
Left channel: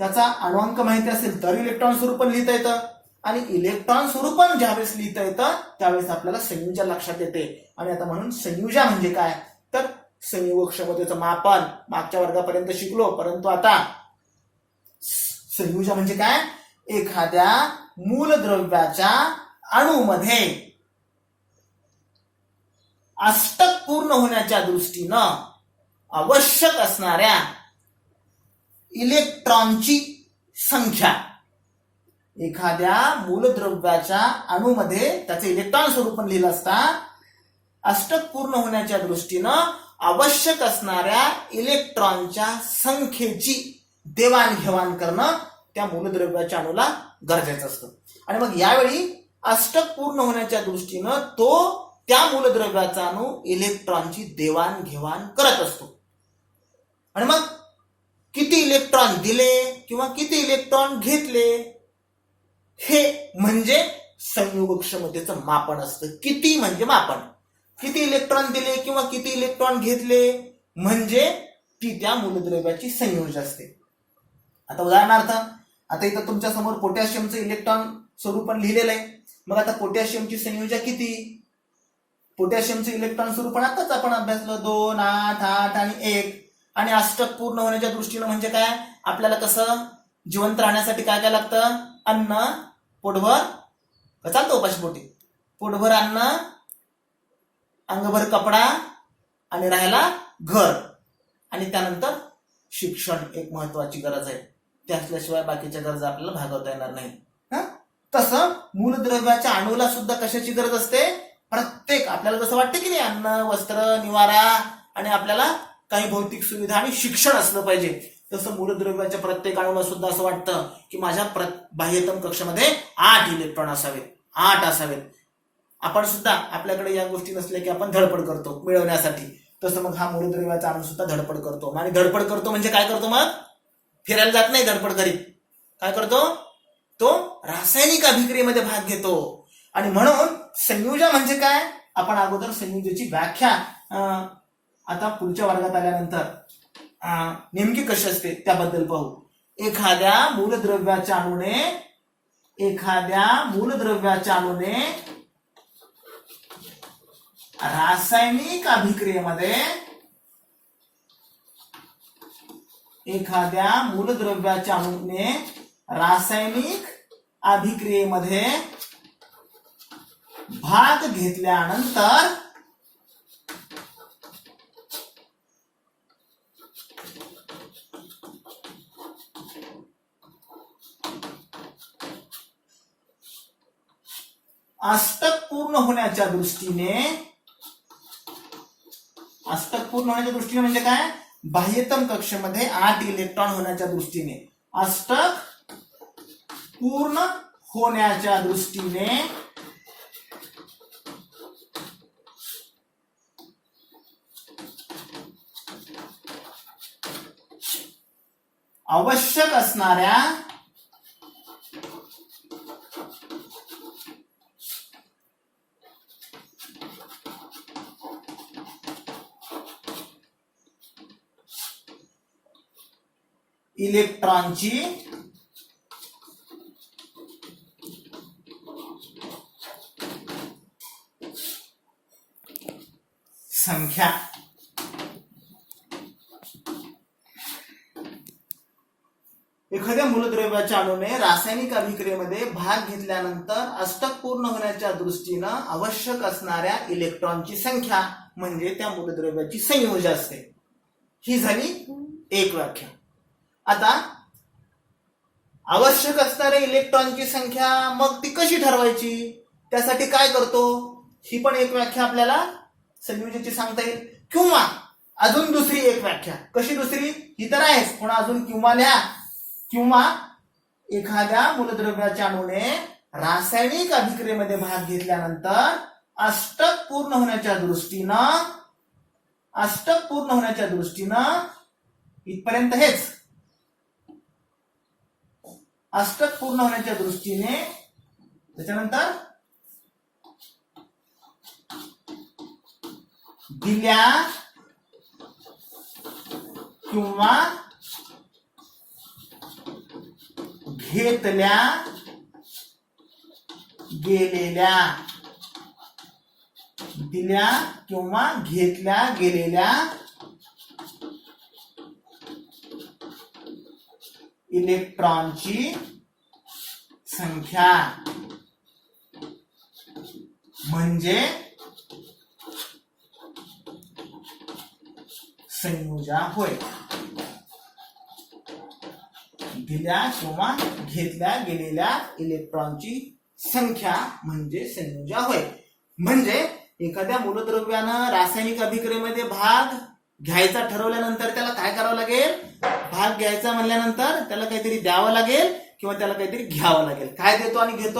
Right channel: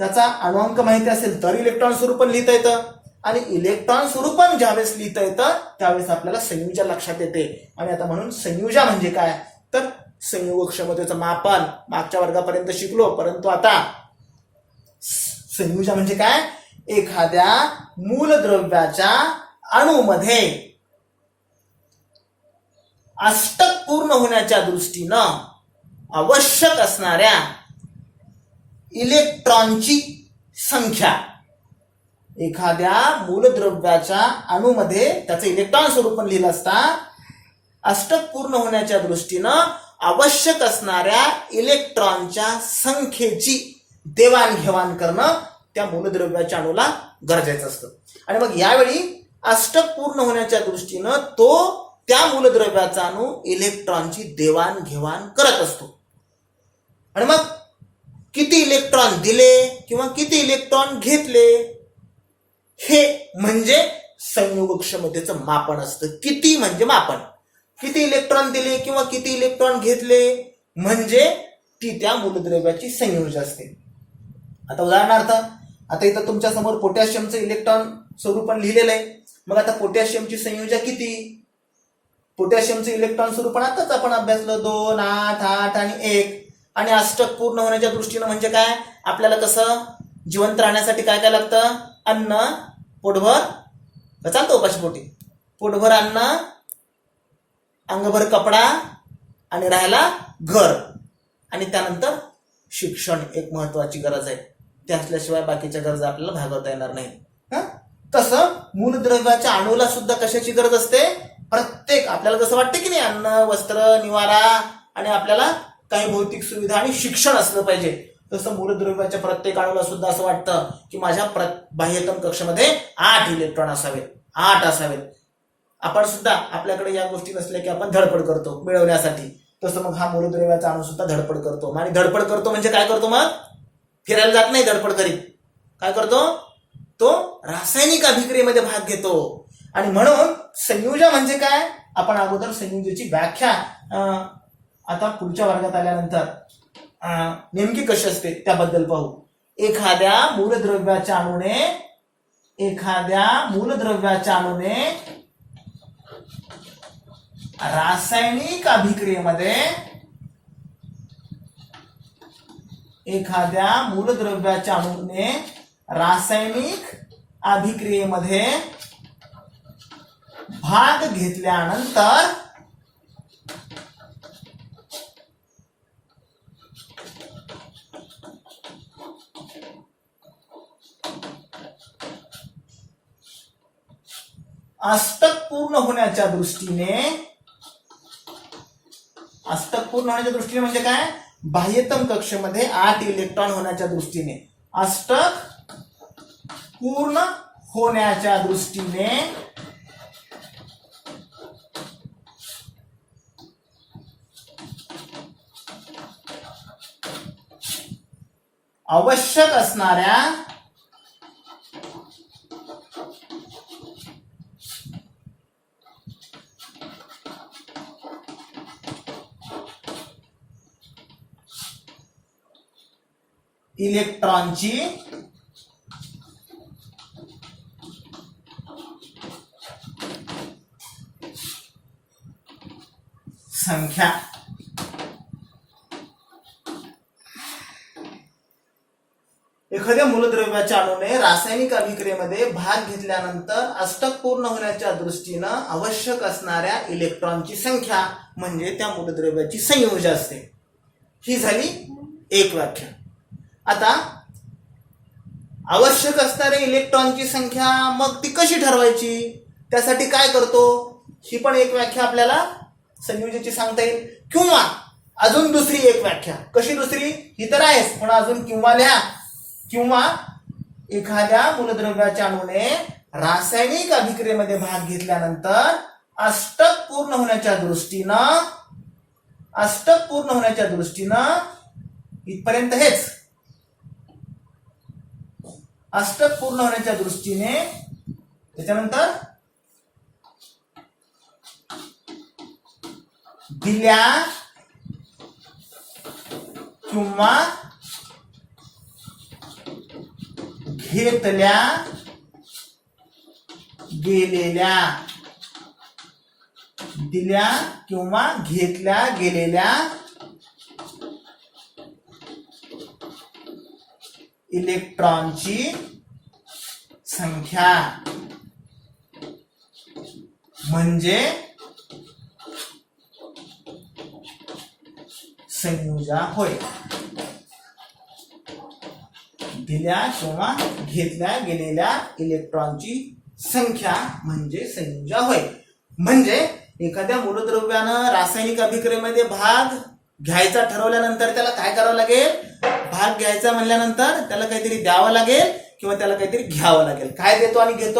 त्याचा अणुअंक माहिती असेल तर इलेक्ट्रॉन स्वरूपण लिहिता येतं. आणि इलेक्ट्रॉन स्वरूपण ज्यावेळेस लिहिता येतं त्यावेळेस आपल्याला संयोजा लक्षात येते. आणि आता म्हणून संयोजा म्हणजे काय, तर संयोग क्षमतेचं मापन मागच्या वर्गापर्यंत शिकलो. परंतु आता संयोजा म्हणजे काय, एखाद्या मूलद्रव्याच्या अणूमध्ये अष्टक पूर्ण होण्याच्या दृष्टीनं आवश्यक असणाऱ्या इलेक्ट्रॉनची संख्या. एखाद्या मूलद्रव्याच्या अणूमध्ये त्याचं इलेक्ट्रॉन स्वरूपण लिहिलं असता अष्टक पूर्ण होण्याच्या दृष्टीनं आवश्यक असणाऱ्या इलेक्ट्रॉनच्या संख्येची देवाणघेवाण करणं त्या मूलद्रव्याच्या अणूला गरजेचं असतं. आणि मग यावेळी अष्टक पूर्ण होण्याच्या दृष्टीनं तो त्या मूलद्रव्याचा अणू इलेक्ट्रॉनची देवाणघेवाण करत असतो. आणि मग किती इलेक्ट्रॉन दिले किंवा किती इलेक्ट्रॉन घेतले हे म्हणजे संयोग क्षमतेचं मापन असतं. किती म्हणजे मापन, किती इलेक्ट्रॉन दिले किंवा किती इलेक्ट्रॉन घेतले म्हणजे ती त्या मूलद्रव्याची संयोजा असते. आता उदाहरणार्थ आता इथं तुमच्या समोर पोटॅशियमचं इलेक्ट्रॉन स्वरूपण लिहिलेलं आहे. मग आता पोटॅशियमची संयोजा किती, पोटॅशियमचं इलेक्ट्रॉन स्वरूपण आताच आपण अभ्यासलं 2, 8, 8 आणि 1. आणि अष्टक पूर्ण होण्याच्या दृष्टीनं म्हणजे काय, आपल्याला कसं जिवंत राहण्यासाठी काय काय लागतं, अन्न, पोटभर चालतं उपाशी पोटी, पोटभर अन्न, अंगभर कपडा आणि राहायला घर आणि त्यानंतर शिक्षण एक महत्वाची गरज आहे. ते असल्याशिवाय बाकीच्या गरजा आपल्याला भागवता येणार नाही. तसं मूलद्रव्याच्या अणूला सुद्धा कशाची गरज असते, प्रत्येक आपल्याला जसं वाटतं की नाही अन्न, वस्त्र, निवारा आणि आपल्याला काही भौतिक सुविधा आणि शिक्षण असलं पाहिजे, तसं मूलद्रव्याच्या प्रत्येक अणूला सुद्धा असं वाटतं की माझ्या बाह्यतम कक्षामध्ये 8 इलेक्ट्रॉन असावेत, 8 असावेत. आपण सुद्धा आपल्याकडे या गोष्टी नसल्या की आपण धडपड करतो मिळवण्यासाठी. तसं मग हा मूलद्रव्याचा अणू सुद्धा धडपड करतो. आणि धडपड करतो म्हणजे काय करतो, मग फिरायला जात नाही धडपड करीत, काय करतो तो रासायनिक अभिक्रियेमध्ये भाग घेतो. आणि म्हणून संयोजा म्हणजे काय, आपण अगोदर संयोजाची व्याख्या आता पुढच्या वर्गात आल्यानंतर नेमकी कशी असते त्याबद्दल पाहू. एखाद्या मूलद्रव्याच्या अणूने रासायनिक अभिक्रियेमध्ये एखाद्या मूलद्रव्याच्या अणूने रासायनिक अभिक्रियेमध्ये भाग घेतल्यानंतर अष्टक पूर्ण होण्याच्या दृष्टीने म्हणजे काय, बाह्यतम कक्षेमध्ये 8 इलेक्ट्रॉन होण्याच्या दृष्टीने, अष्टक पूर्ण होण्याच्या दृष्टीने आवश्यक असणाऱ्या इलेक्ट्रॉनची संख्या. एखाद्या मूलद्रव्याच्या अणूने रासायनिक अभिक्रियेमध्ये भाग घेतल्यानंतर अष्टक पूर्ण होण्याच्या दृष्टीनं आवश्यक असणाऱ्या इलेक्ट्रॉनची संख्या म्हणजे त्या मूलद्रव्याची संयोजा असते. ही झाली एक व्याख्या. आता आवश्यक असणाऱ्या इलेक्ट्रॉनची संख्या मग ती कशी ठरवायची, त्यासाठी काय करतो, ही पण एक व्याख्या आपल्याला संयोजेची सांगता येईल. किंवा अजून दुसरी एक व्याख्या, कशी दुसरी, ही तर आहेच पण अजून किंवा लिहा. किंवा एखाद्या मूलद्रव्याच्या अणूने रासायनिक अभिक्रियेमध्ये भाग घेतल्यानंतर अष्टक पूर्ण होण्याच्या दृष्टीनं इथपर्यंत हेच, अष्टक पूर्ण होण्याच्या दृष्टीने, त्याच्यानंतर दिल्या किंवा घेतल्या गेलेल्या, दिल्या किंवा घेतल्या गेलेल्या इलेक्ट्रॉनची संख्या म्हणजे संयोजा होय. दिल्या किंवा घेतल्या गेलेल्या इलेक्ट्रॉनची संख्या म्हणजे संयोजा होय. म्हणजे एखाद्या मूलद्रव्यानं रासायनिक अभिक्रियेमध्ये भाग घ्यायचा ठरवल्यानंतर त्याला काय करावं लागेल, भाग घ्यायचा म्हणल्यानंतर त्याला काहीतरी द्यावं लागेल किंवा त्याला काहीतरी घ्यावं लागेल. काय देतो आणि घेतो,